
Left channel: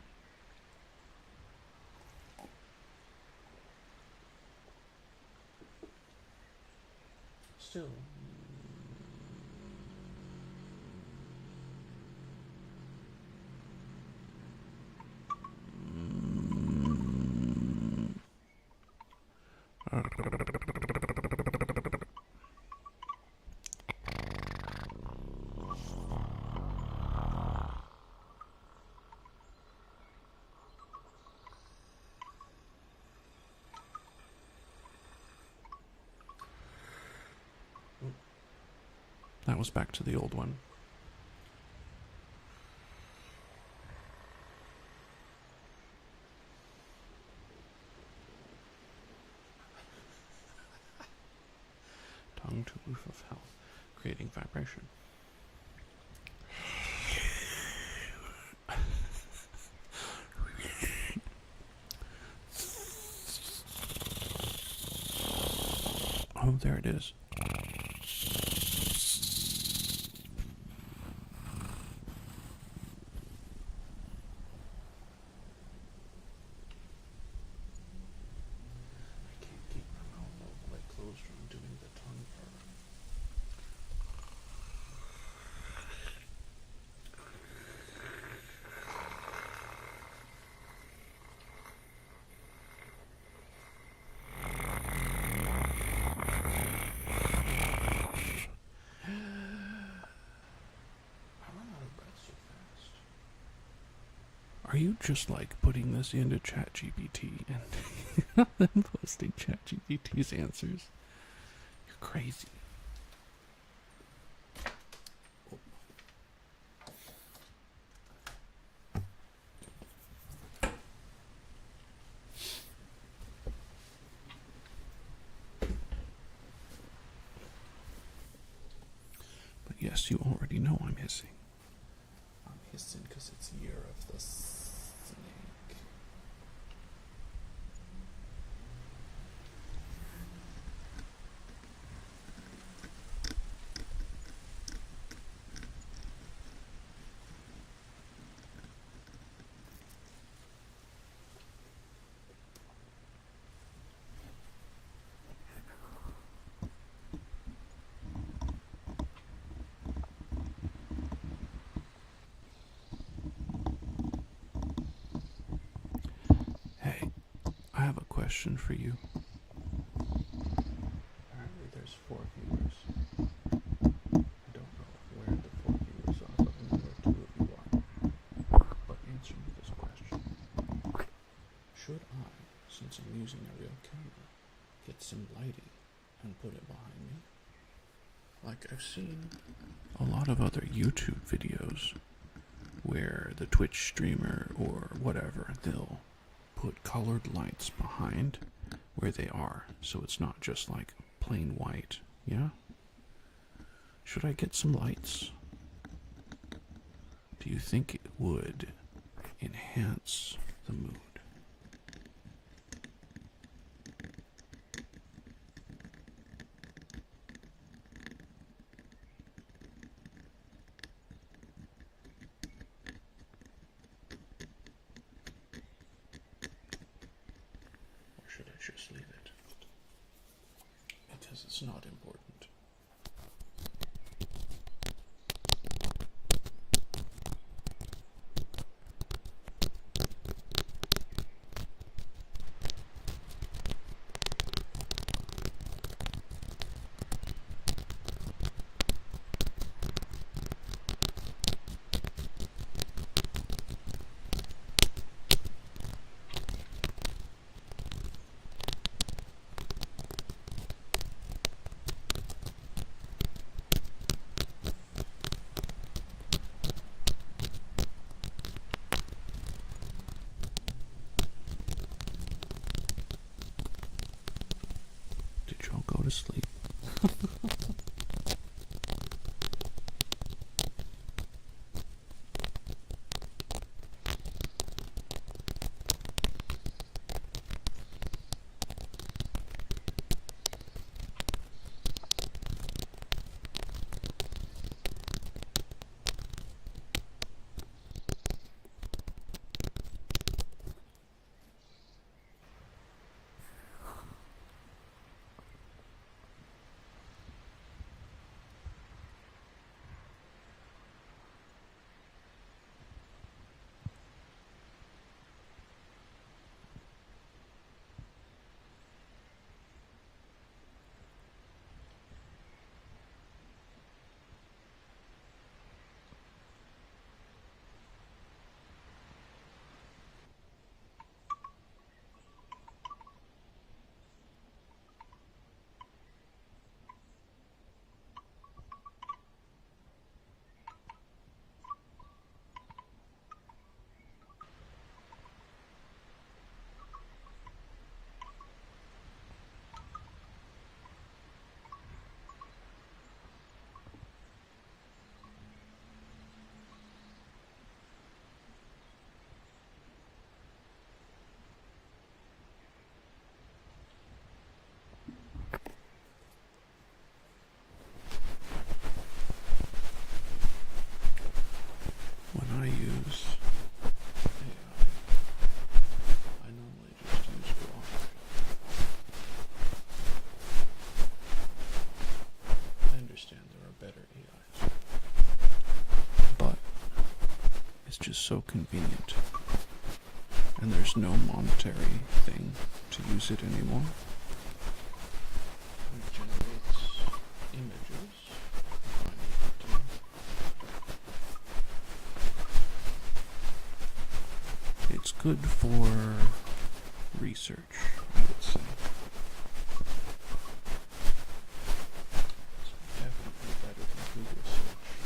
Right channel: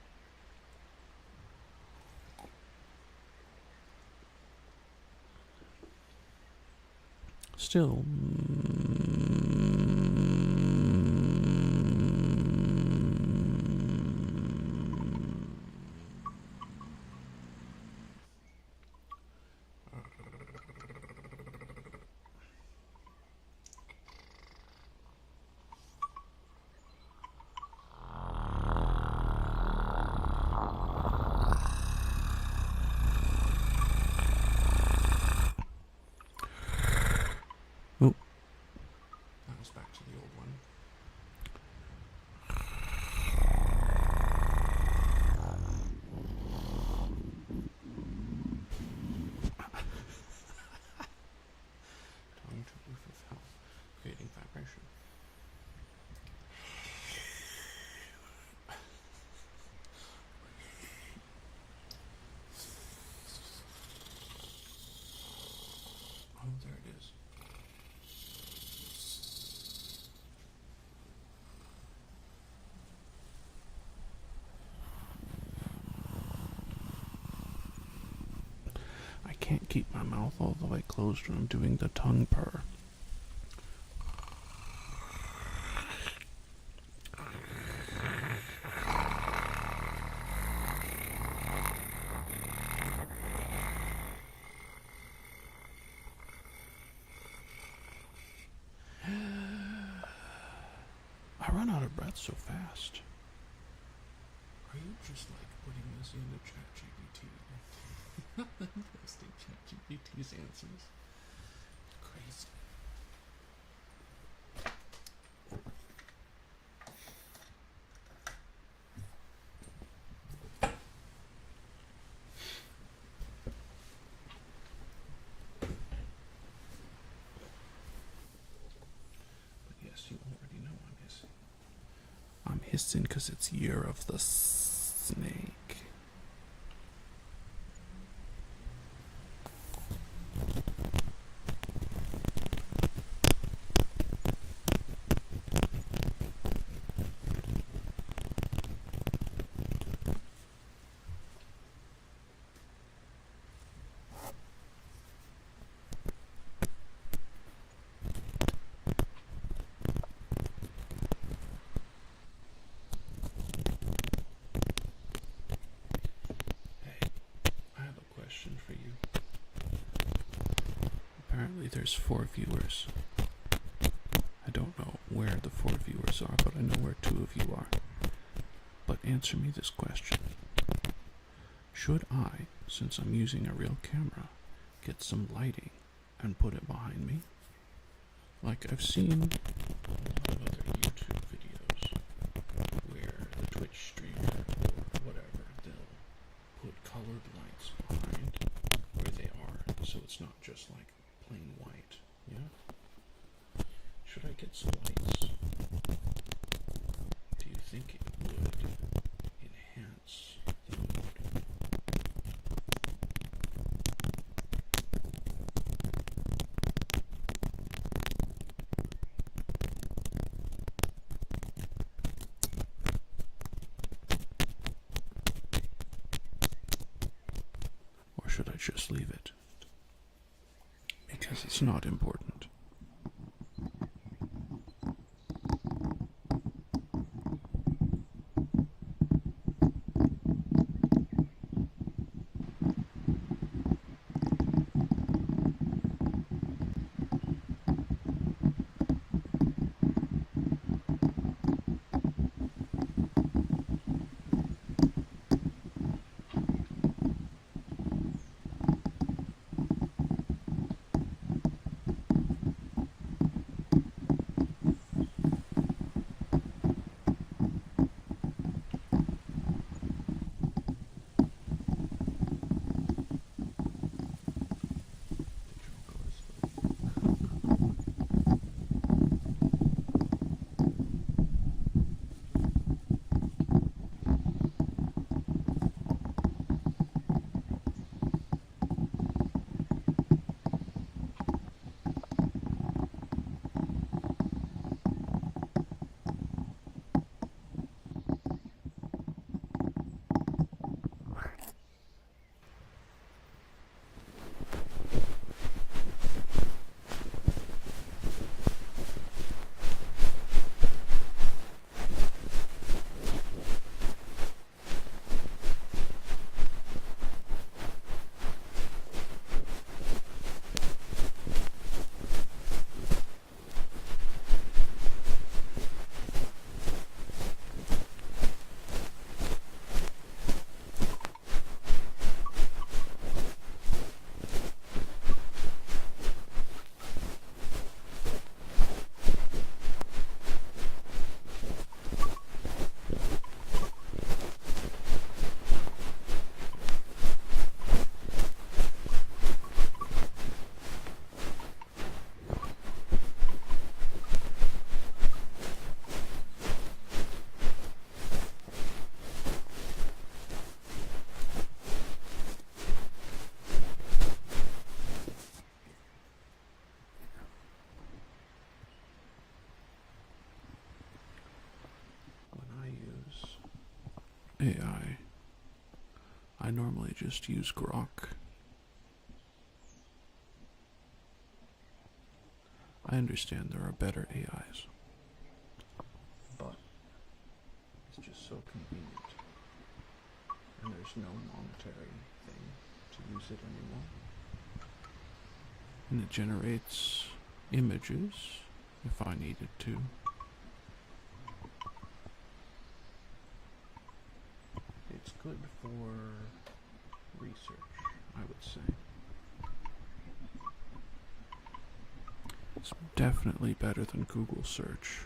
Still, oh, that was back to the old one. Tongue to roof of hell, creating vibration. Oh, there it is. I can't keep my mouth all the way closed when I'm doing the tongue purr. I run out of breath so fast. Are you just like putting this into ChatGPT and then posting ChatGPT's answers? You're crazy. But yes, you already know I'm hissing. I'm hissing because it's Year of the Snake. Question for you. Apparently there's 4 viewers. I don't know where the 4 viewers are, but I know where 2 of you are. But answer me this question. Should I, since I'm using a real camera, get some lighting and put it behind me? Like I've seen a lot of other YouTube videos where the Twitch streamer or whatever, they'll put colored lights behind where they are, so it's not just like plain white. Yeah? Should I get some lights? Do you think it would enhance the mood? Should I just leave it? Because it's not important. use Grok. I understand there are better AIs, but it's just so convenient, and there's no monetary thing to use it anymore. And it generates images if I need it to. It's good for research, I would say. It's definitely better than Google search.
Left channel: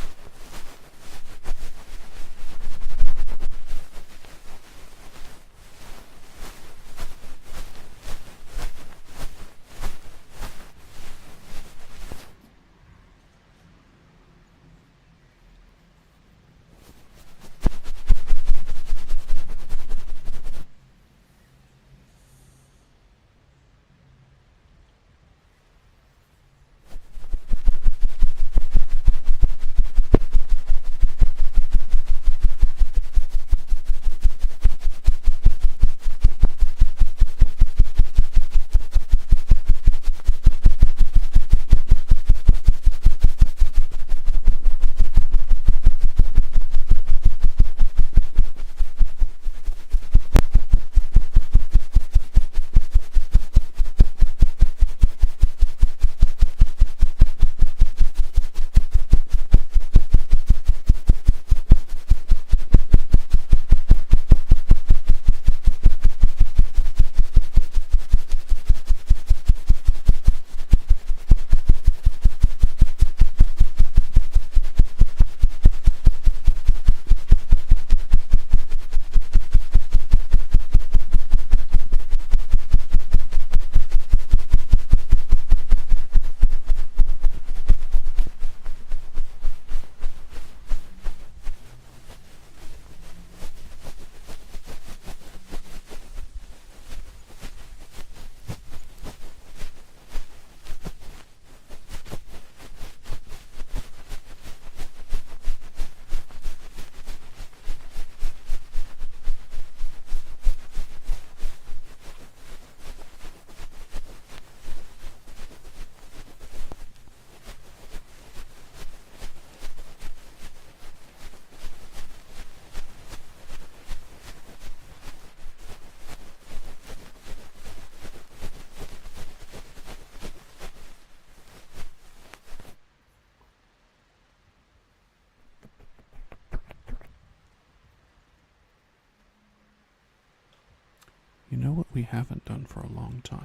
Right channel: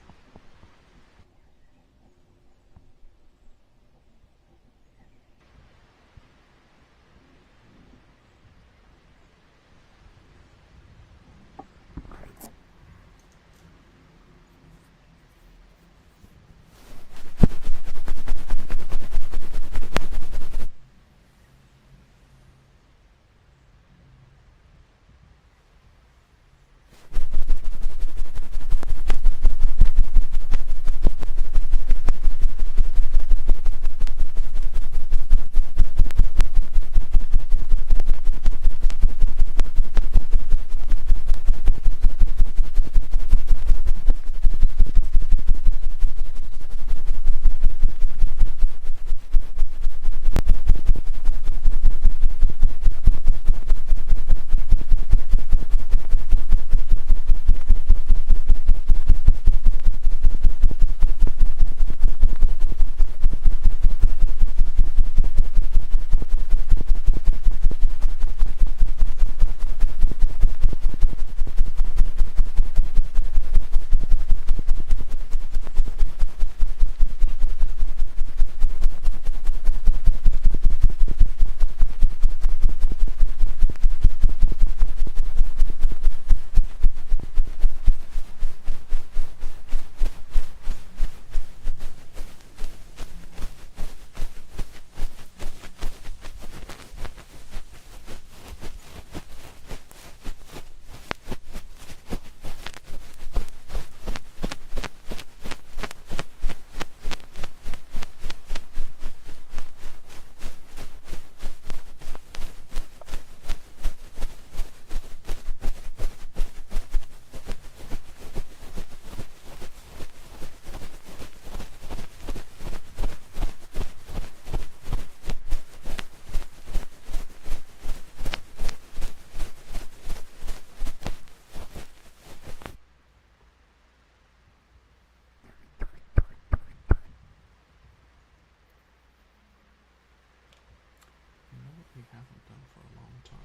You know what we haven't done for a long time?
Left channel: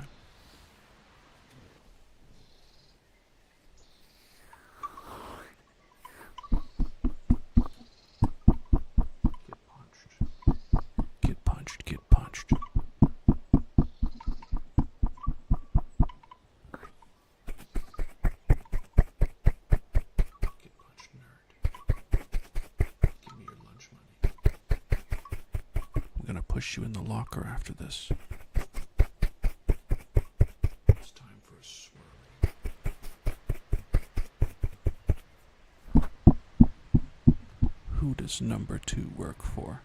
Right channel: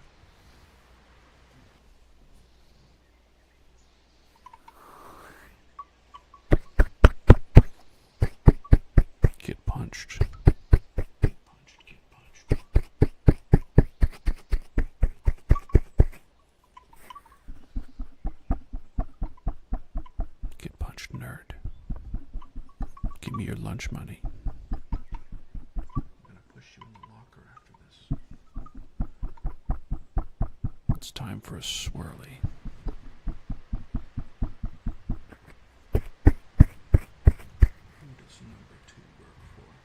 Get punched. Get punched. Get punched. Get punched, nerd. Give me your lunch money. I'm gonna push you in the locker after this. It's time for a swirly. Who does number 2 work for?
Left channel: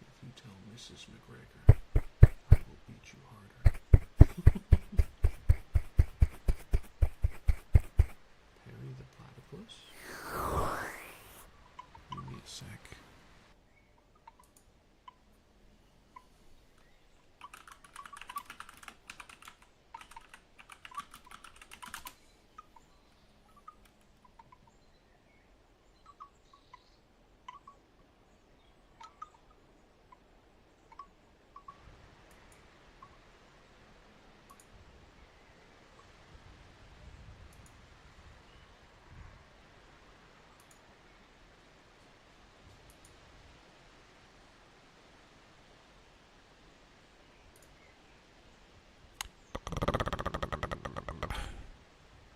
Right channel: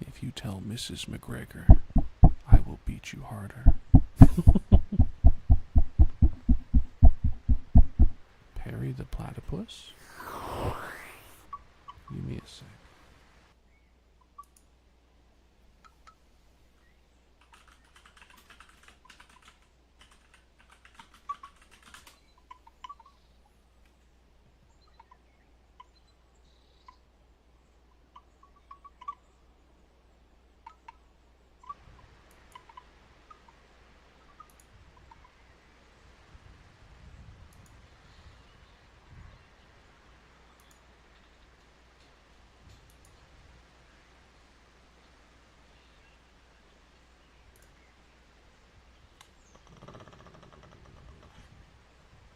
If you tell Mrs. McGregor, I will beat you harder. Perry the platypus? Give me a sec.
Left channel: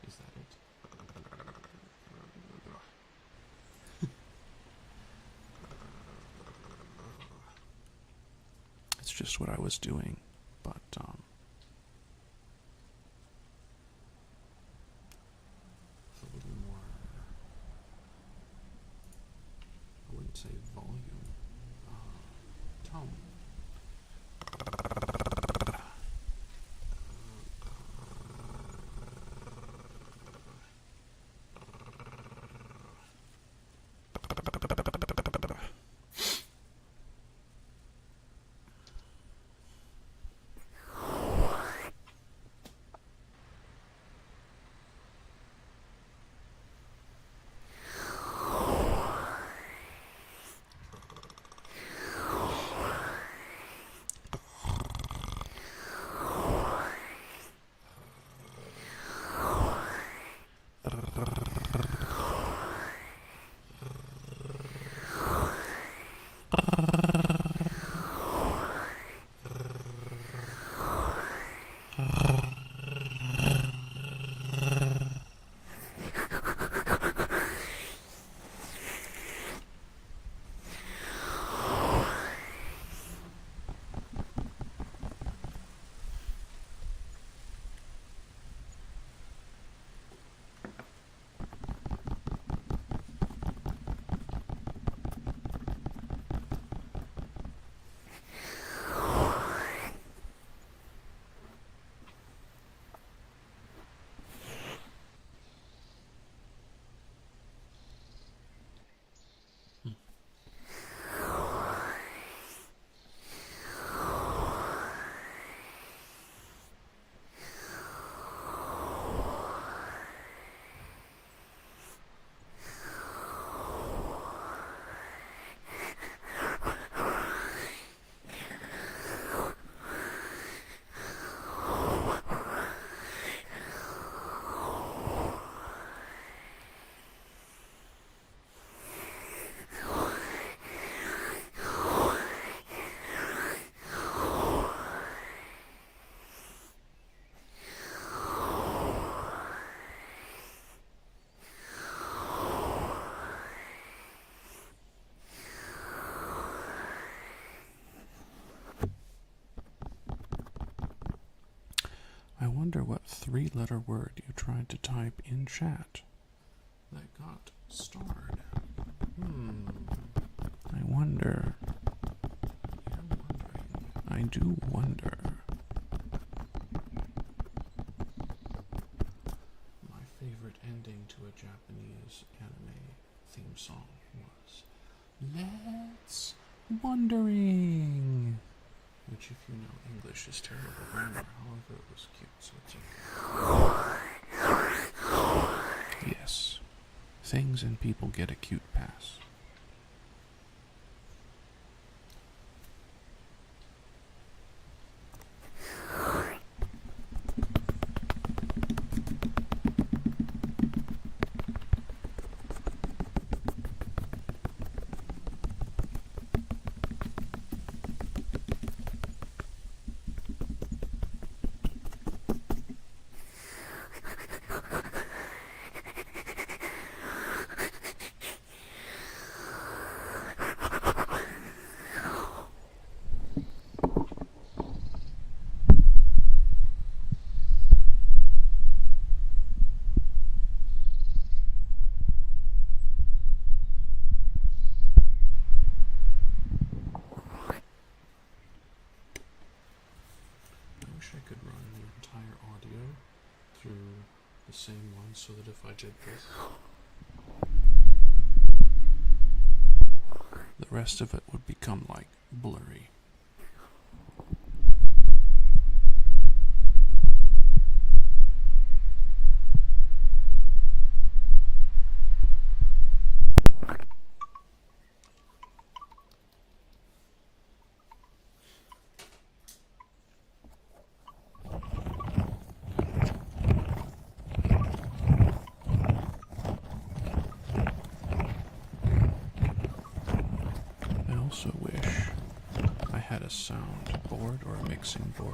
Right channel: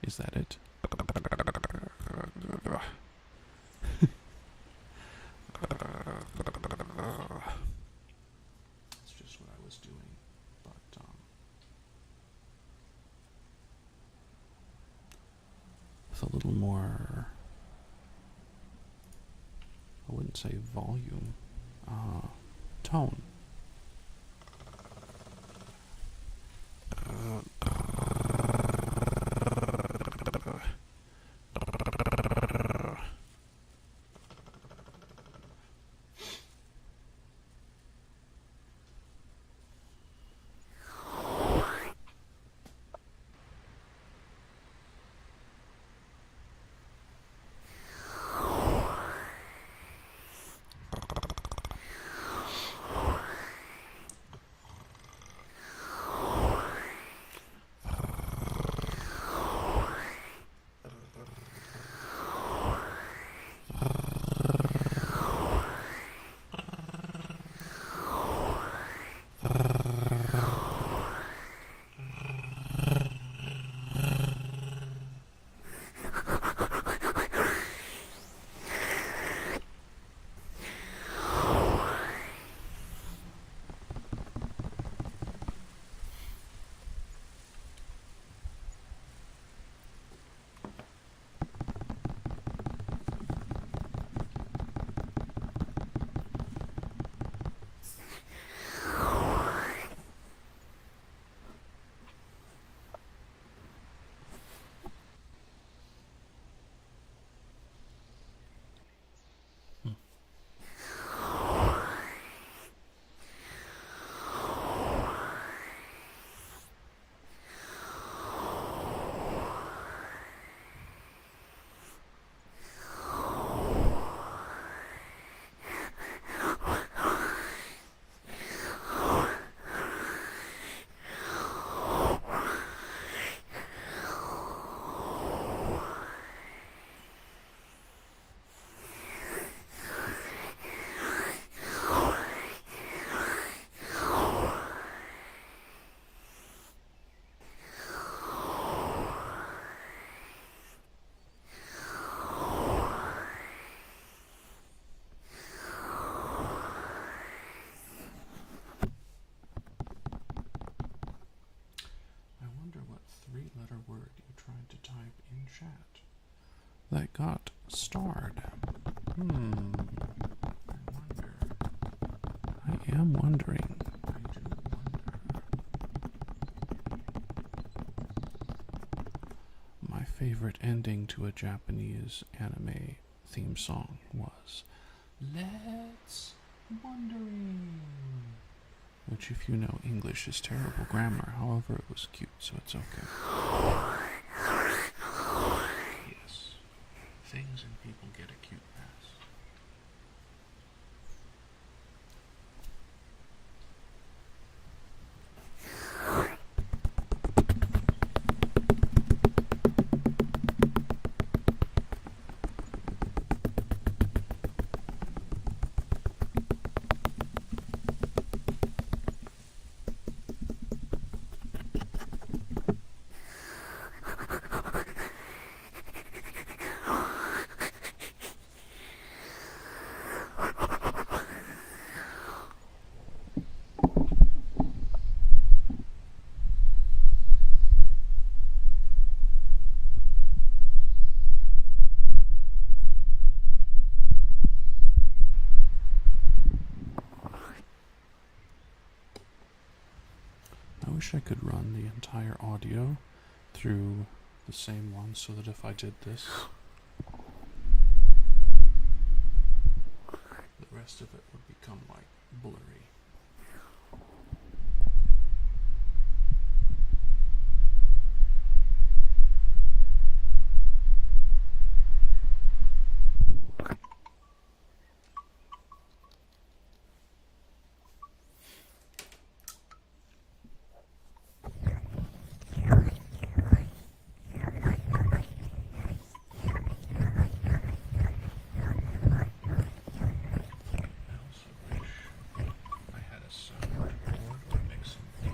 Is that it? It's just what I was doing, but with a little more, I wouldn't shouldn't say volume, tone. I wonder what three-letter word you tried to type in chat that got starred. I wonder. I am wondering. I do wonder. My favorite ending to a Japanese anime theme song was Let's Wondering, which, if you know English, is terrible grammar. However, it was cute, so it's okay. Yes, things and people get a cute pass. I wish I could run the entire audio through the same one so that if I did this, the rest of it would become like blurry. I also wish I had a sound board or mixing board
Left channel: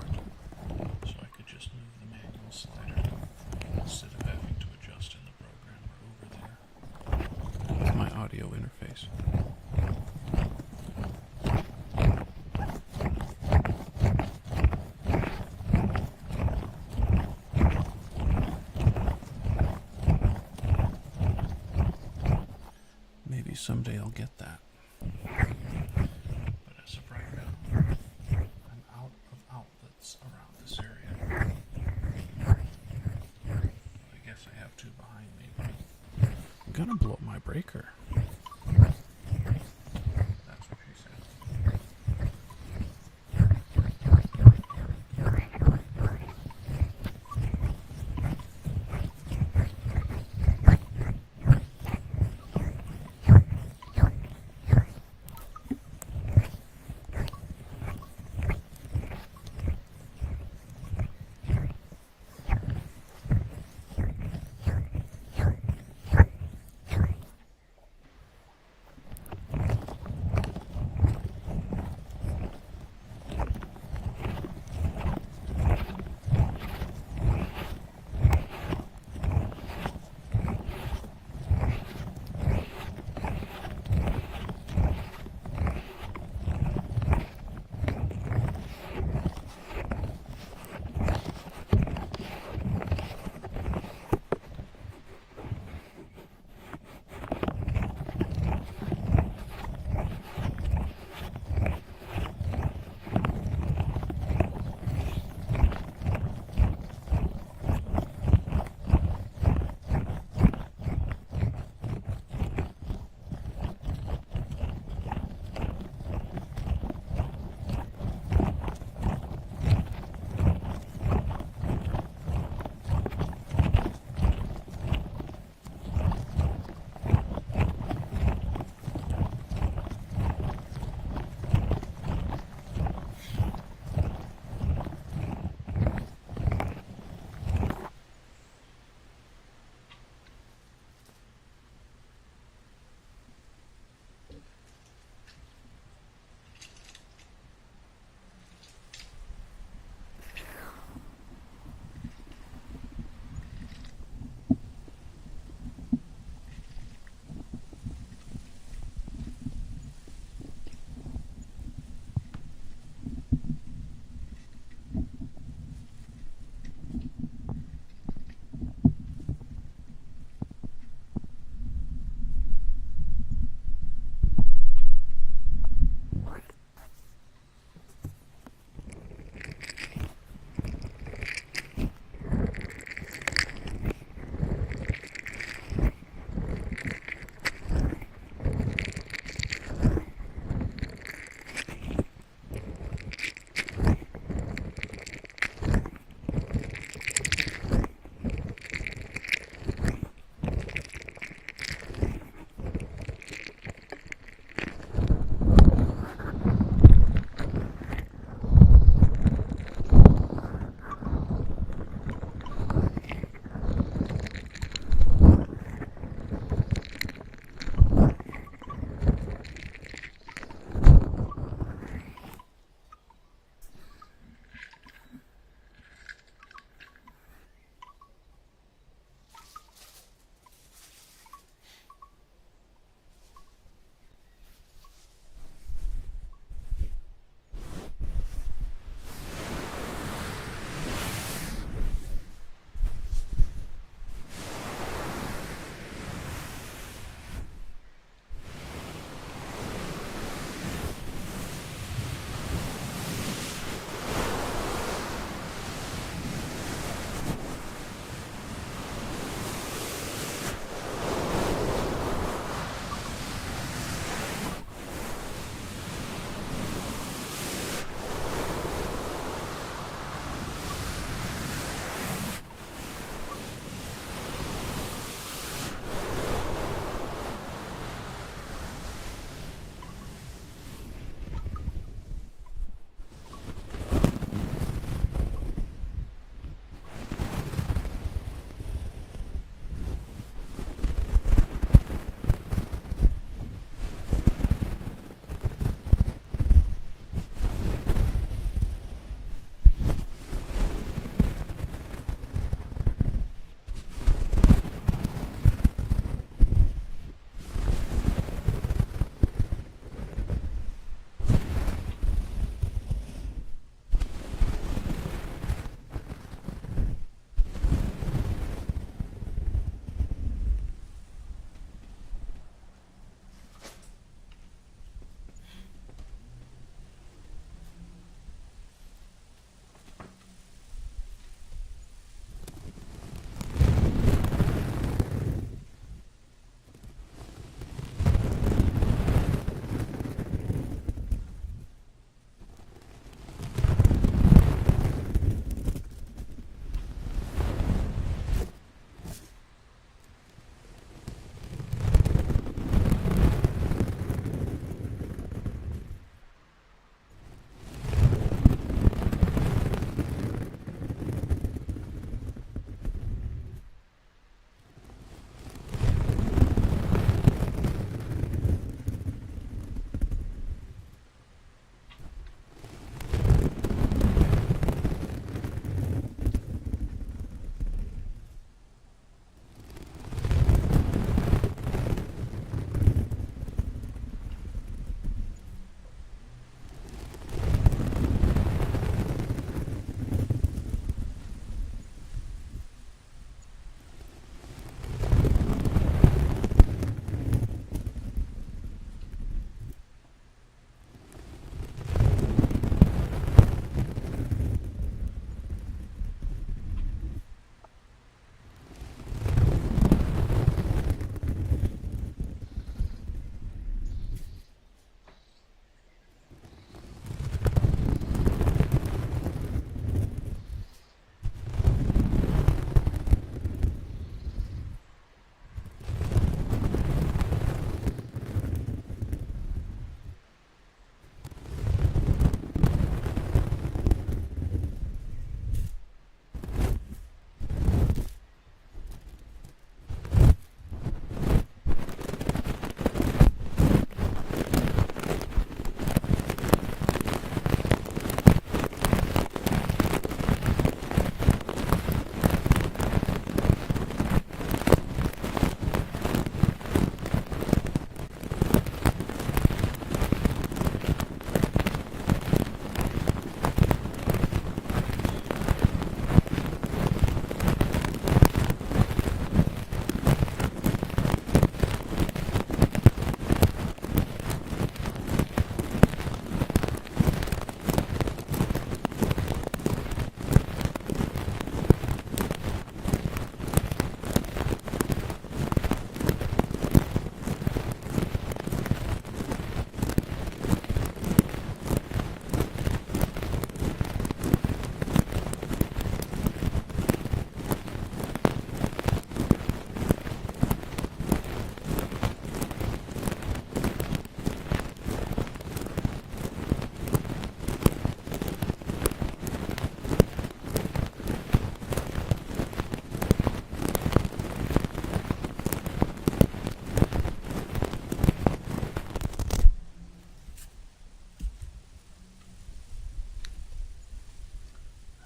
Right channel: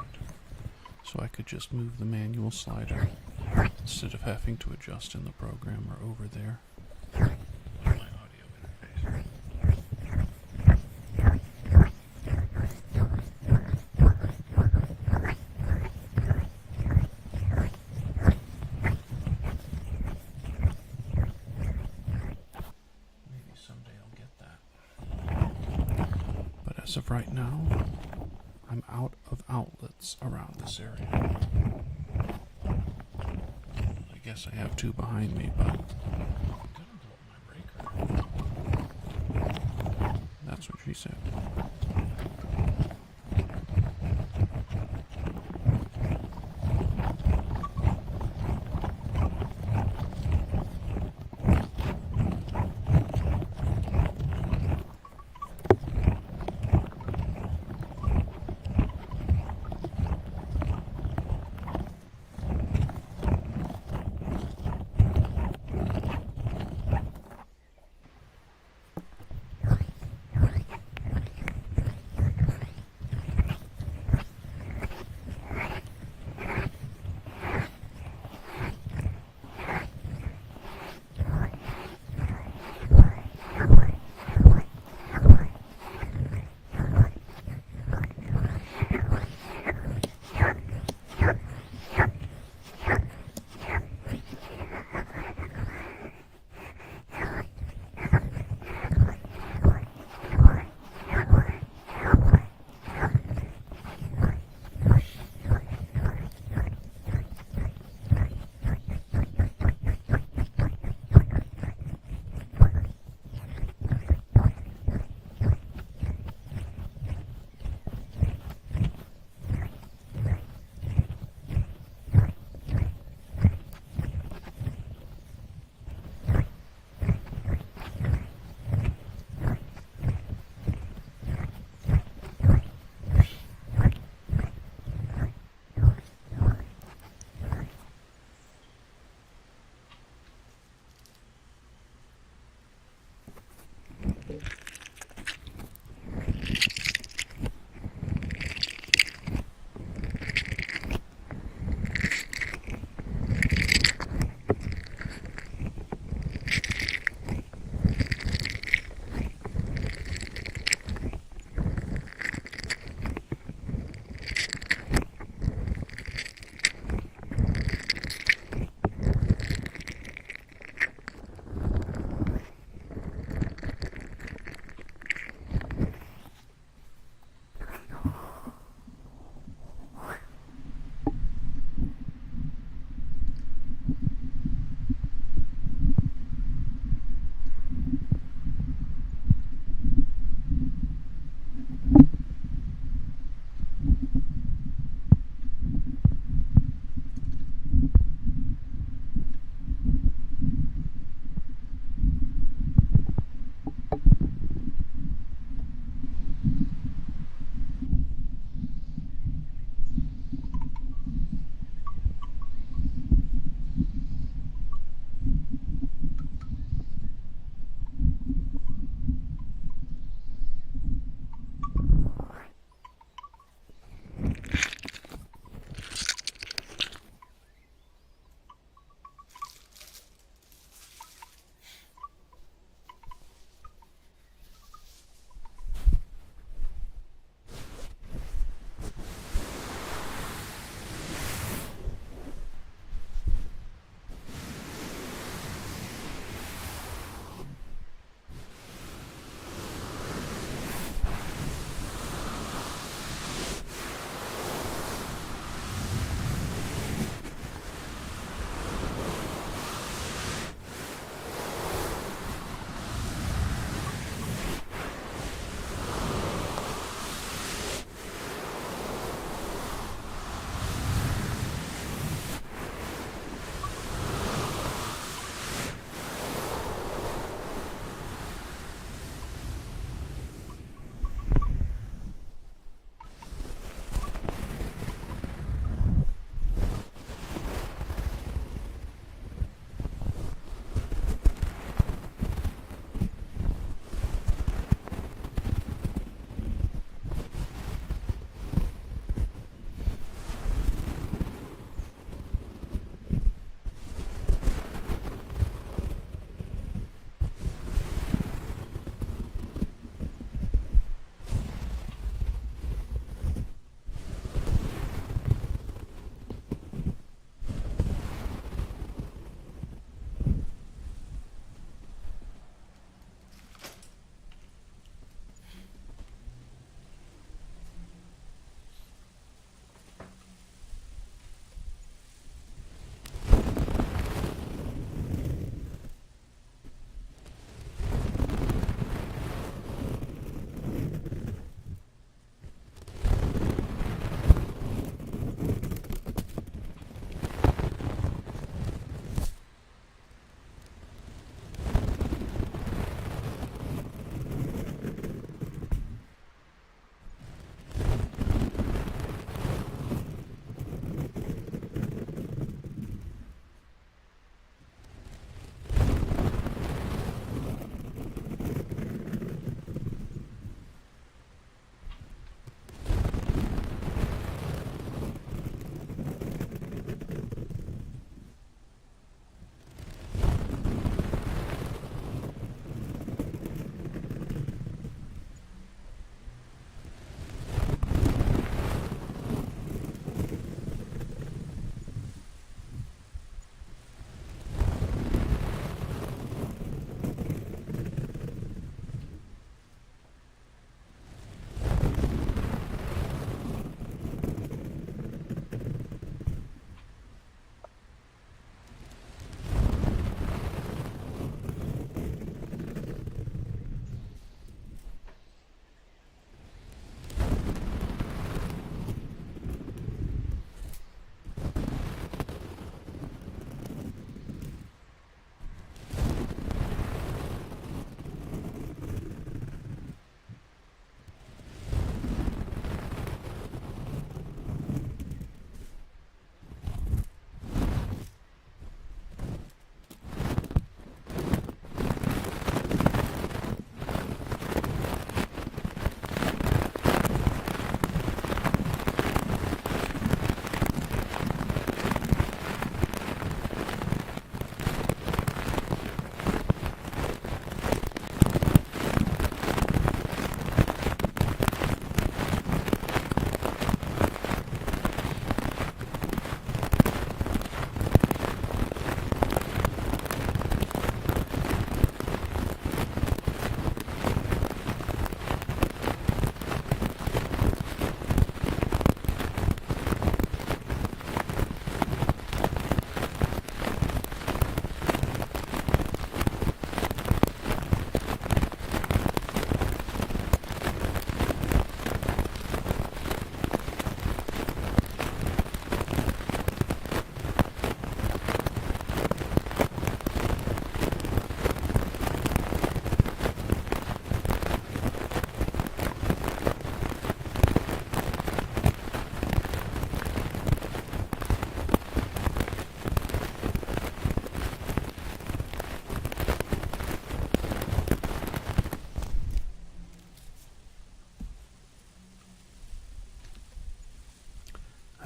so I could just move the manual slider instead of having to adjust in the program or over there with my audio interface. Maybe someday I'll get that. as of right now, I'm out of outlets around this area. I guess I have two behind me, but I'm gonna blow my breaker. That's what she said.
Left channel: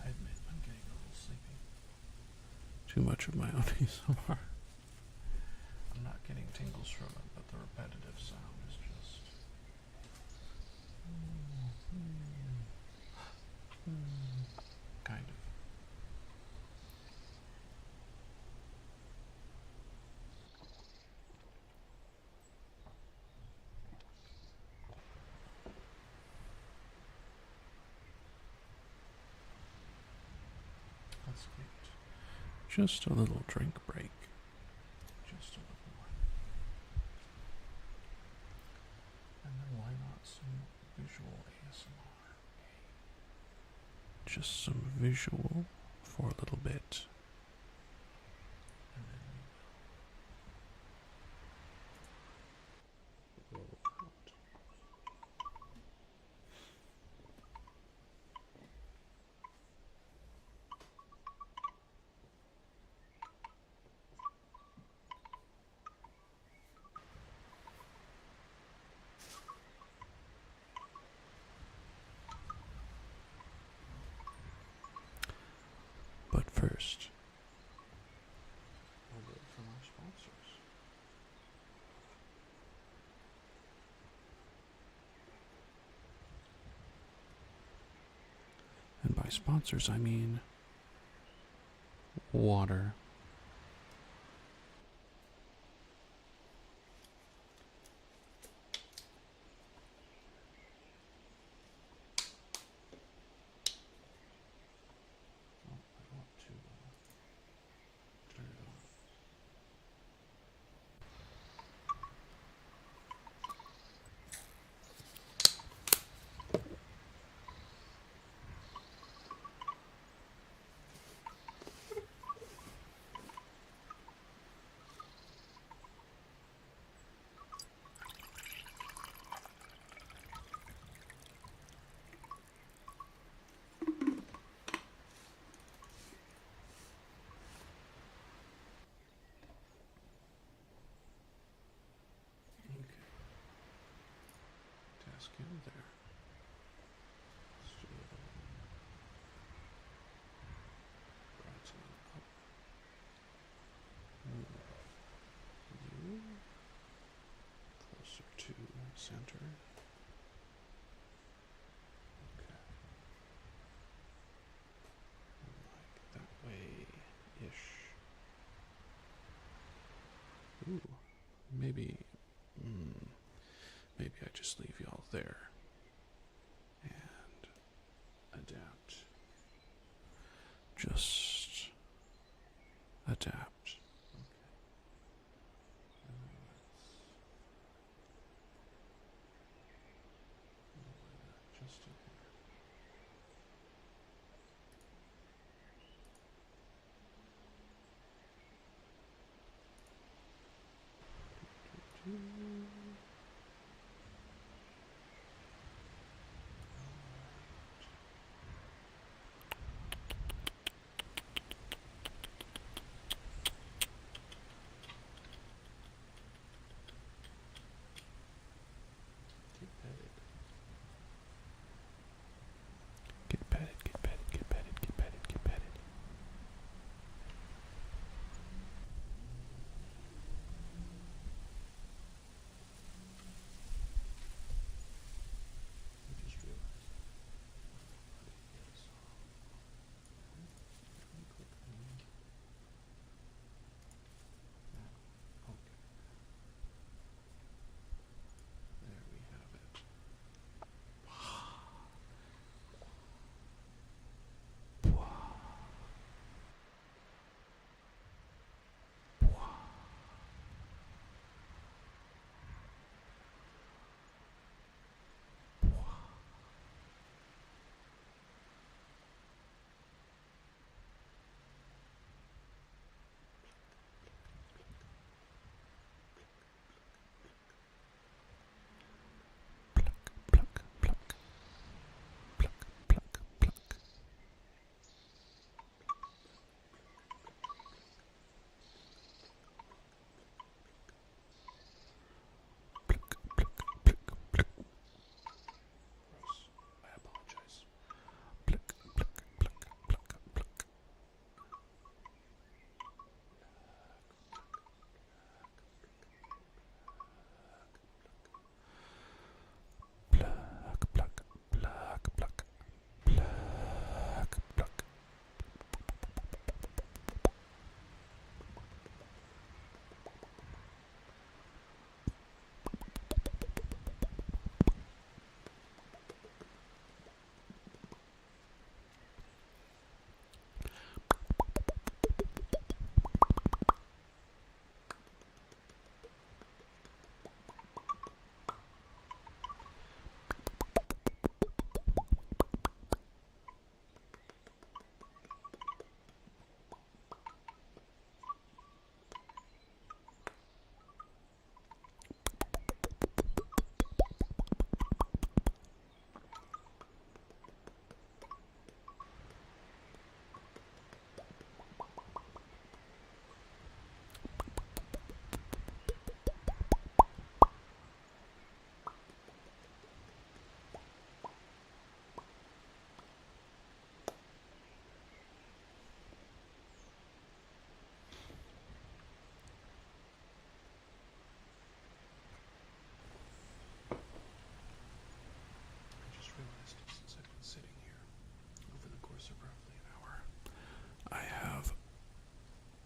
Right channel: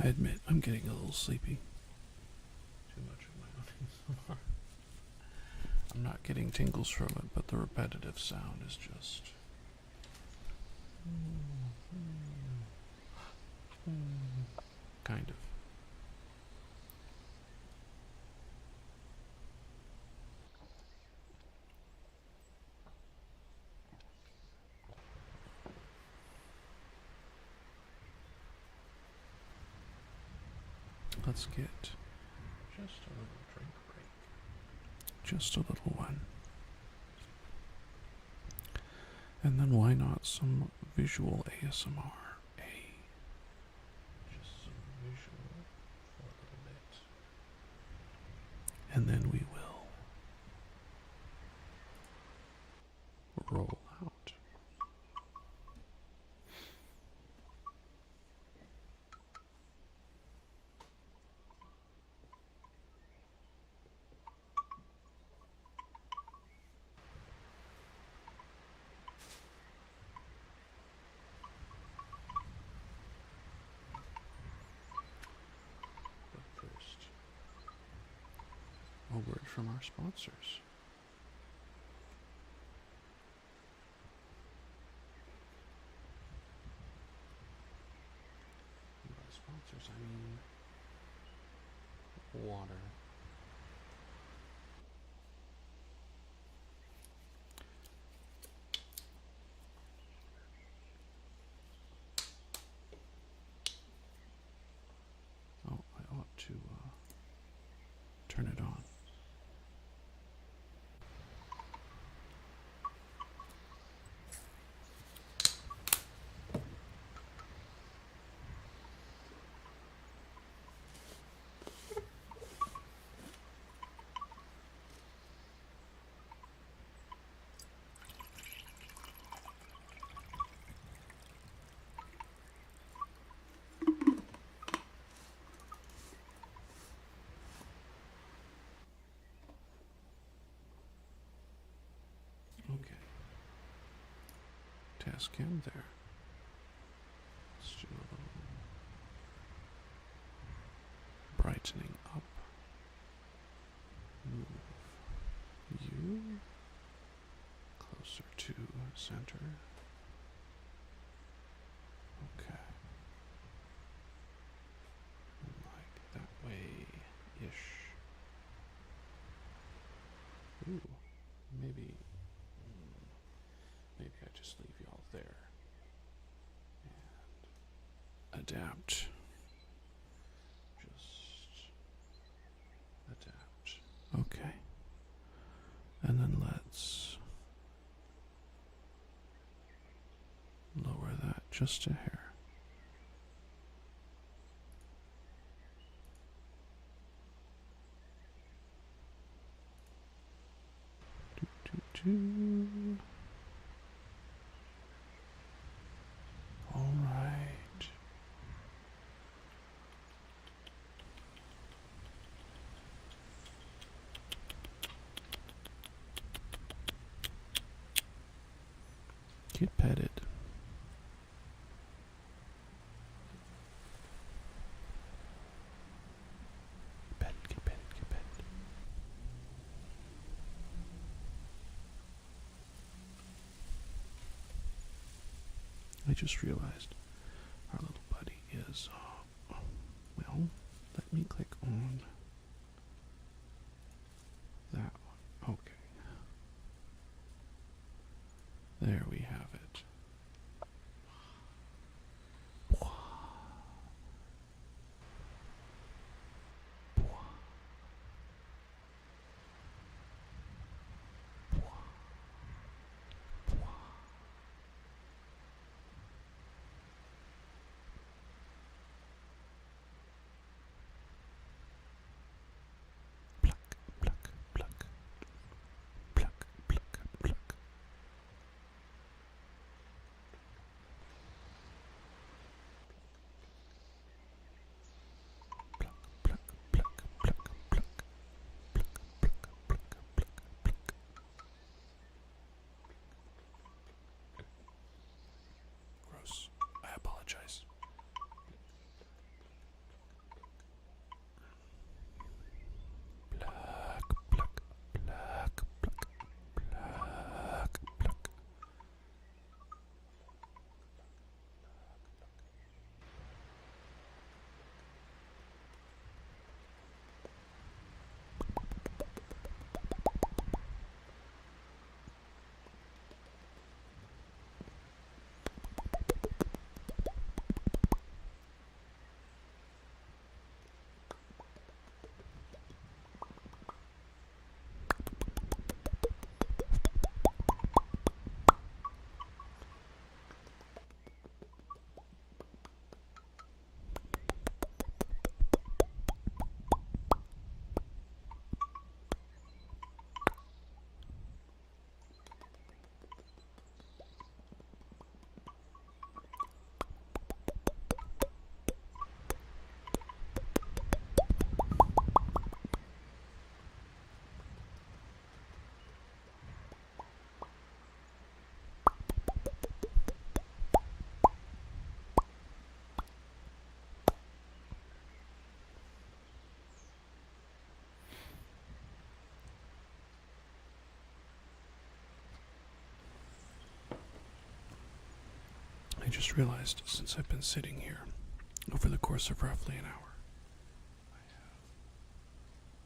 I admit I'm getting a little sleepy. Too much of my own ASMR. I'm not getting tingles from it, but the repetitive sound is just... kind of. Let's get just a little drink break. Just a little one. And then why not some visual ASMR? Just some visual for a little bit. And then we will roll out. But first, a word from our sponsors. And by sponsors, I mean water. Oh, I ought to turn it on. Okay. Task in there. Let's do a little brightening up. Move you closer to center. Okay. Like that way-ish. Ooh, maybe I just leave y'all there and adapt. Just adapt. Okay. And then let's lower that just a hair. All right. Get petted. Get petted, get petted, get petted, get petted, get petted. Petted, get petted, get petted. I just realized our little buddy is, well, let me click on that one. Okay. There we have it. just realized since I've been sitting here over the course of roughly an hour, I have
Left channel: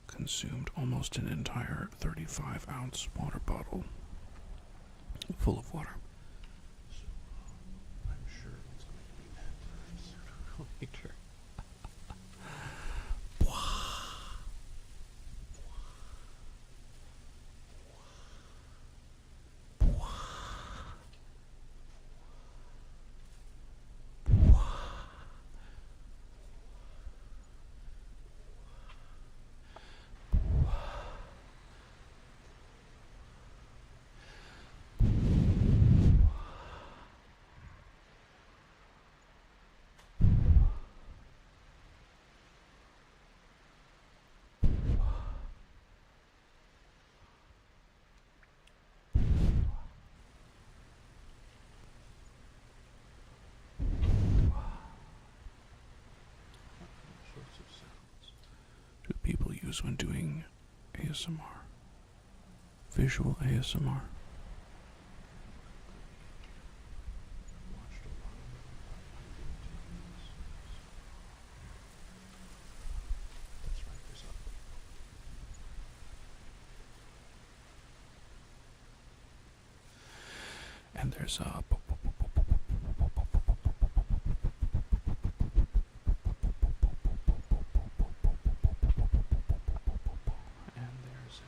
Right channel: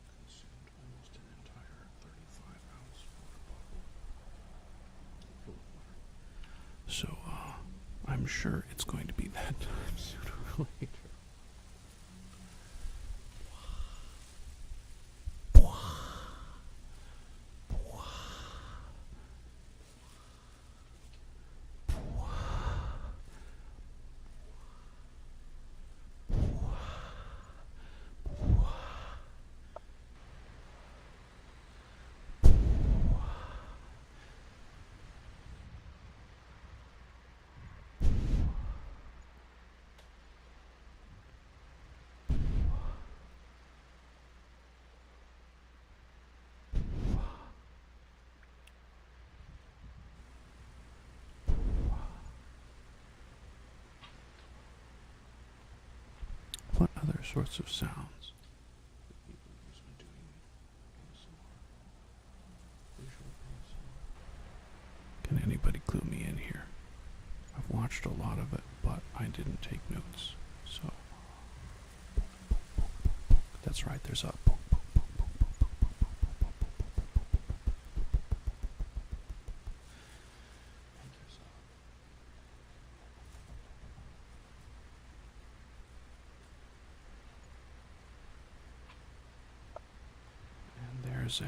consumed almost an entire 35-ounce water bottle full of water. So, I'm sure it's going to be that time sooner or later. What other sorts of sounds do people use when doing ASMR? Visual ASMR? Can anybody clue me in here? I've watched a lot of it, but I didn't take notes, so... That's right, there's a... And there's a... There's a...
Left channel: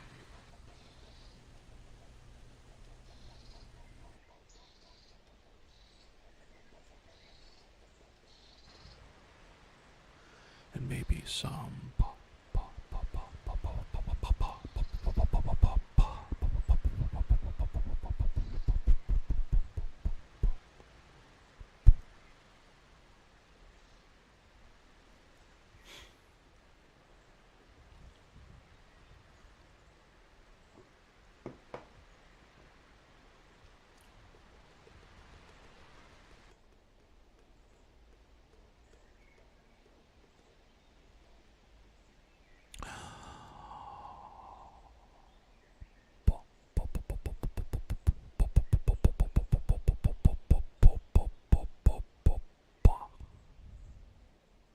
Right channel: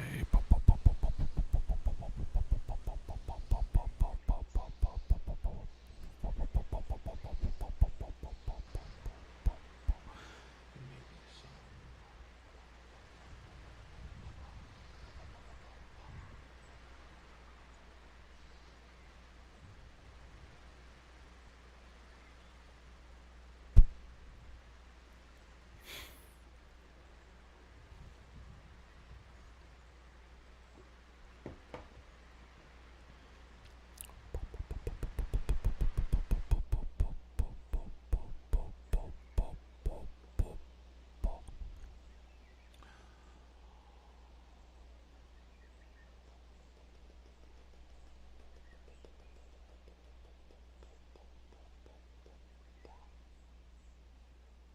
and maybe some...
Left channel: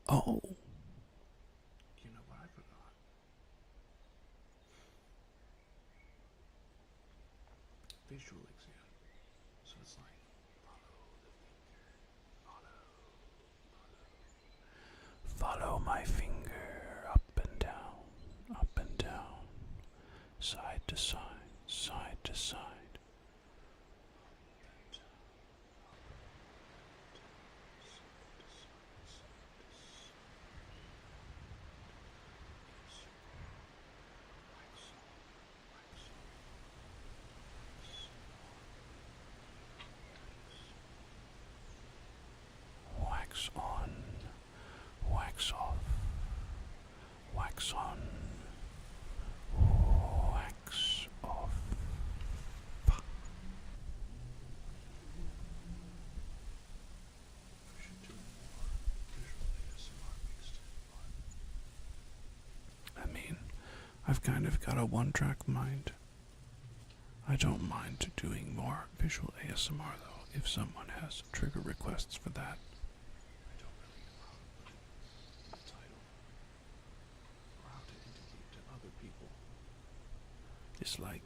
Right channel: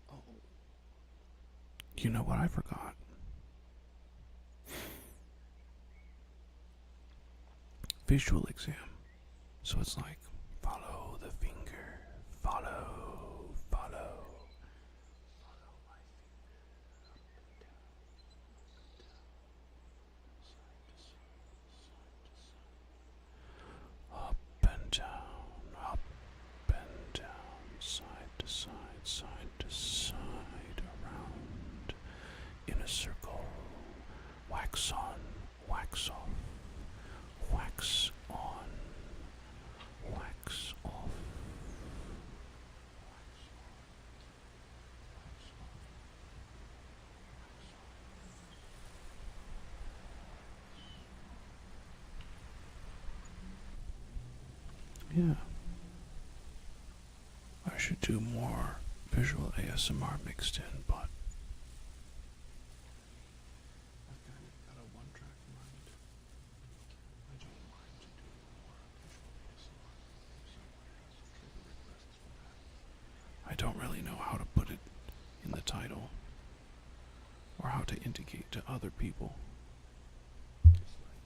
Oh, you know what I forgot? Visual exam. So it's like, follow the finger, follow my finger, up and down, side to side, up and down, side to side, around, in a circle, wax on, wax off, wax on, wax off, wax on, wax off, wax on, wax off. Yeah. I should do more visual ASMR mixed in, but I mean, I've kind of got a one-track mind. I don't mind doing more visual ASMR though, if someone has trigger requests for that. I don't really know how to put it in the title, or how to indicate to other people. It's like,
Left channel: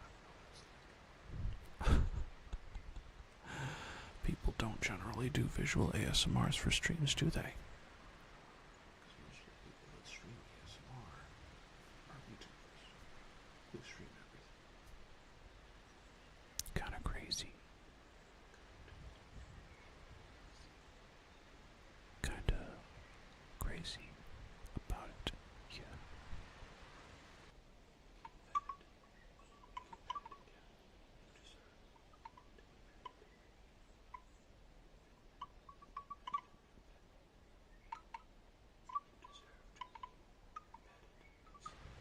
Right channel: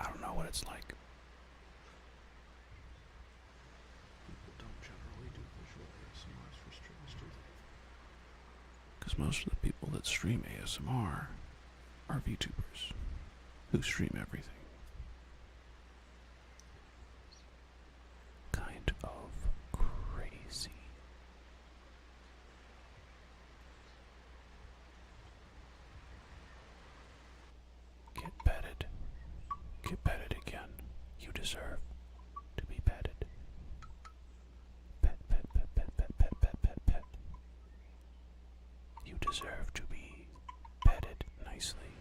I don't know what it's like. People don't generally do visual ASMRs for streams, do they? Because most of the people that stream ASMR are VTubers who stream everything. Kind of crazy. Kind of crazy. Kind of crazy about it. Yeah. Get petted. Get petted again. You deserve to be petted. Pet, pet, pet, pet, pet, pet, pet, pet, pet. You deserve to be petted nicely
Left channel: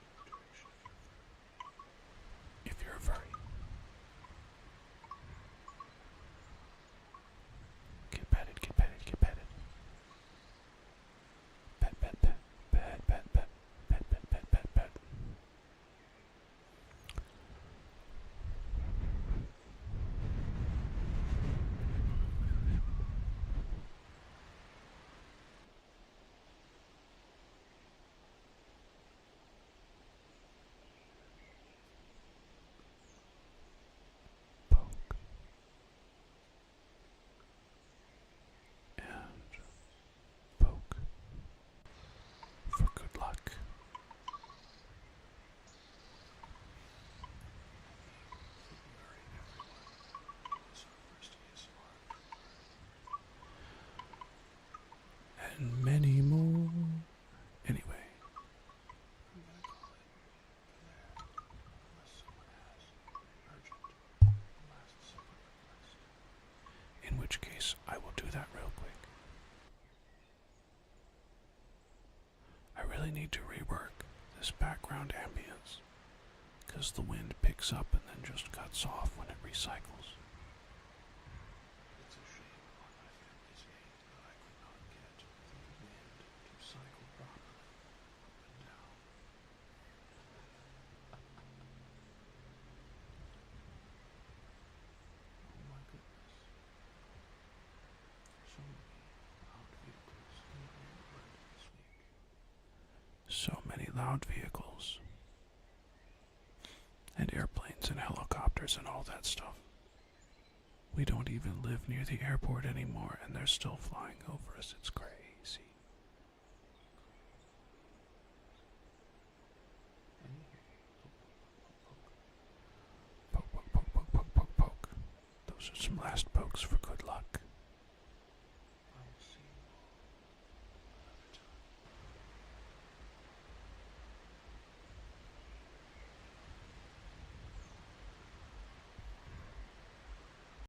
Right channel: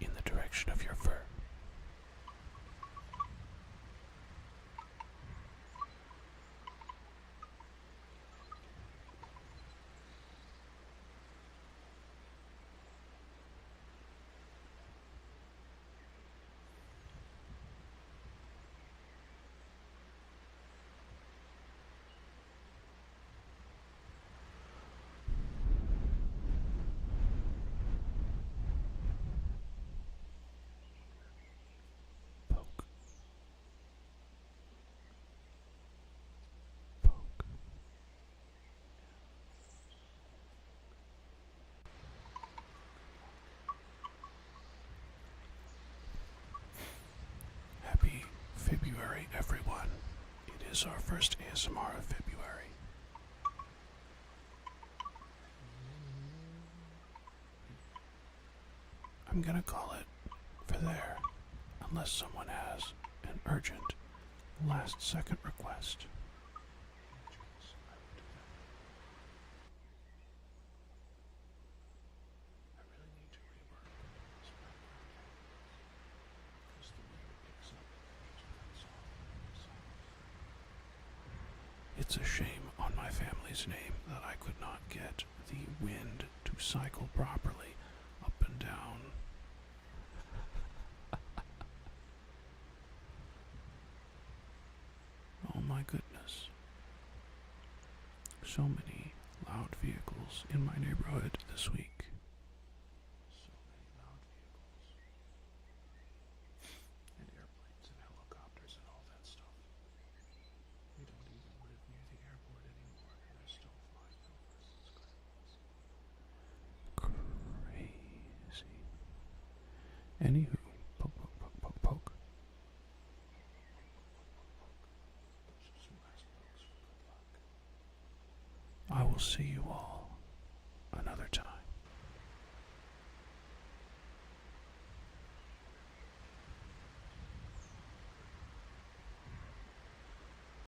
in the direction I'm gonna call it for there, unless someone has an urgent last-second request, in which case I will do that real quick. I really need to rework this background ambience, because the wind picks up and then just cuts off when it recycles. It's a shame on my family's name that I could not get the wind to cycle properly up and down. Oh my goodness. So many loud vehicles in my neighborhood this week. So many loud vehicles. And airplanes and helicopters and all that stuff. We don't even live near the airport anymore, and they're still flying over us. It's crazy. Crazy. Anywho, poke, poke, poke, poke, poke. Poke, poke, poke, poke, poke, poke, poke. Those are some last pokes for good luck. I will see you all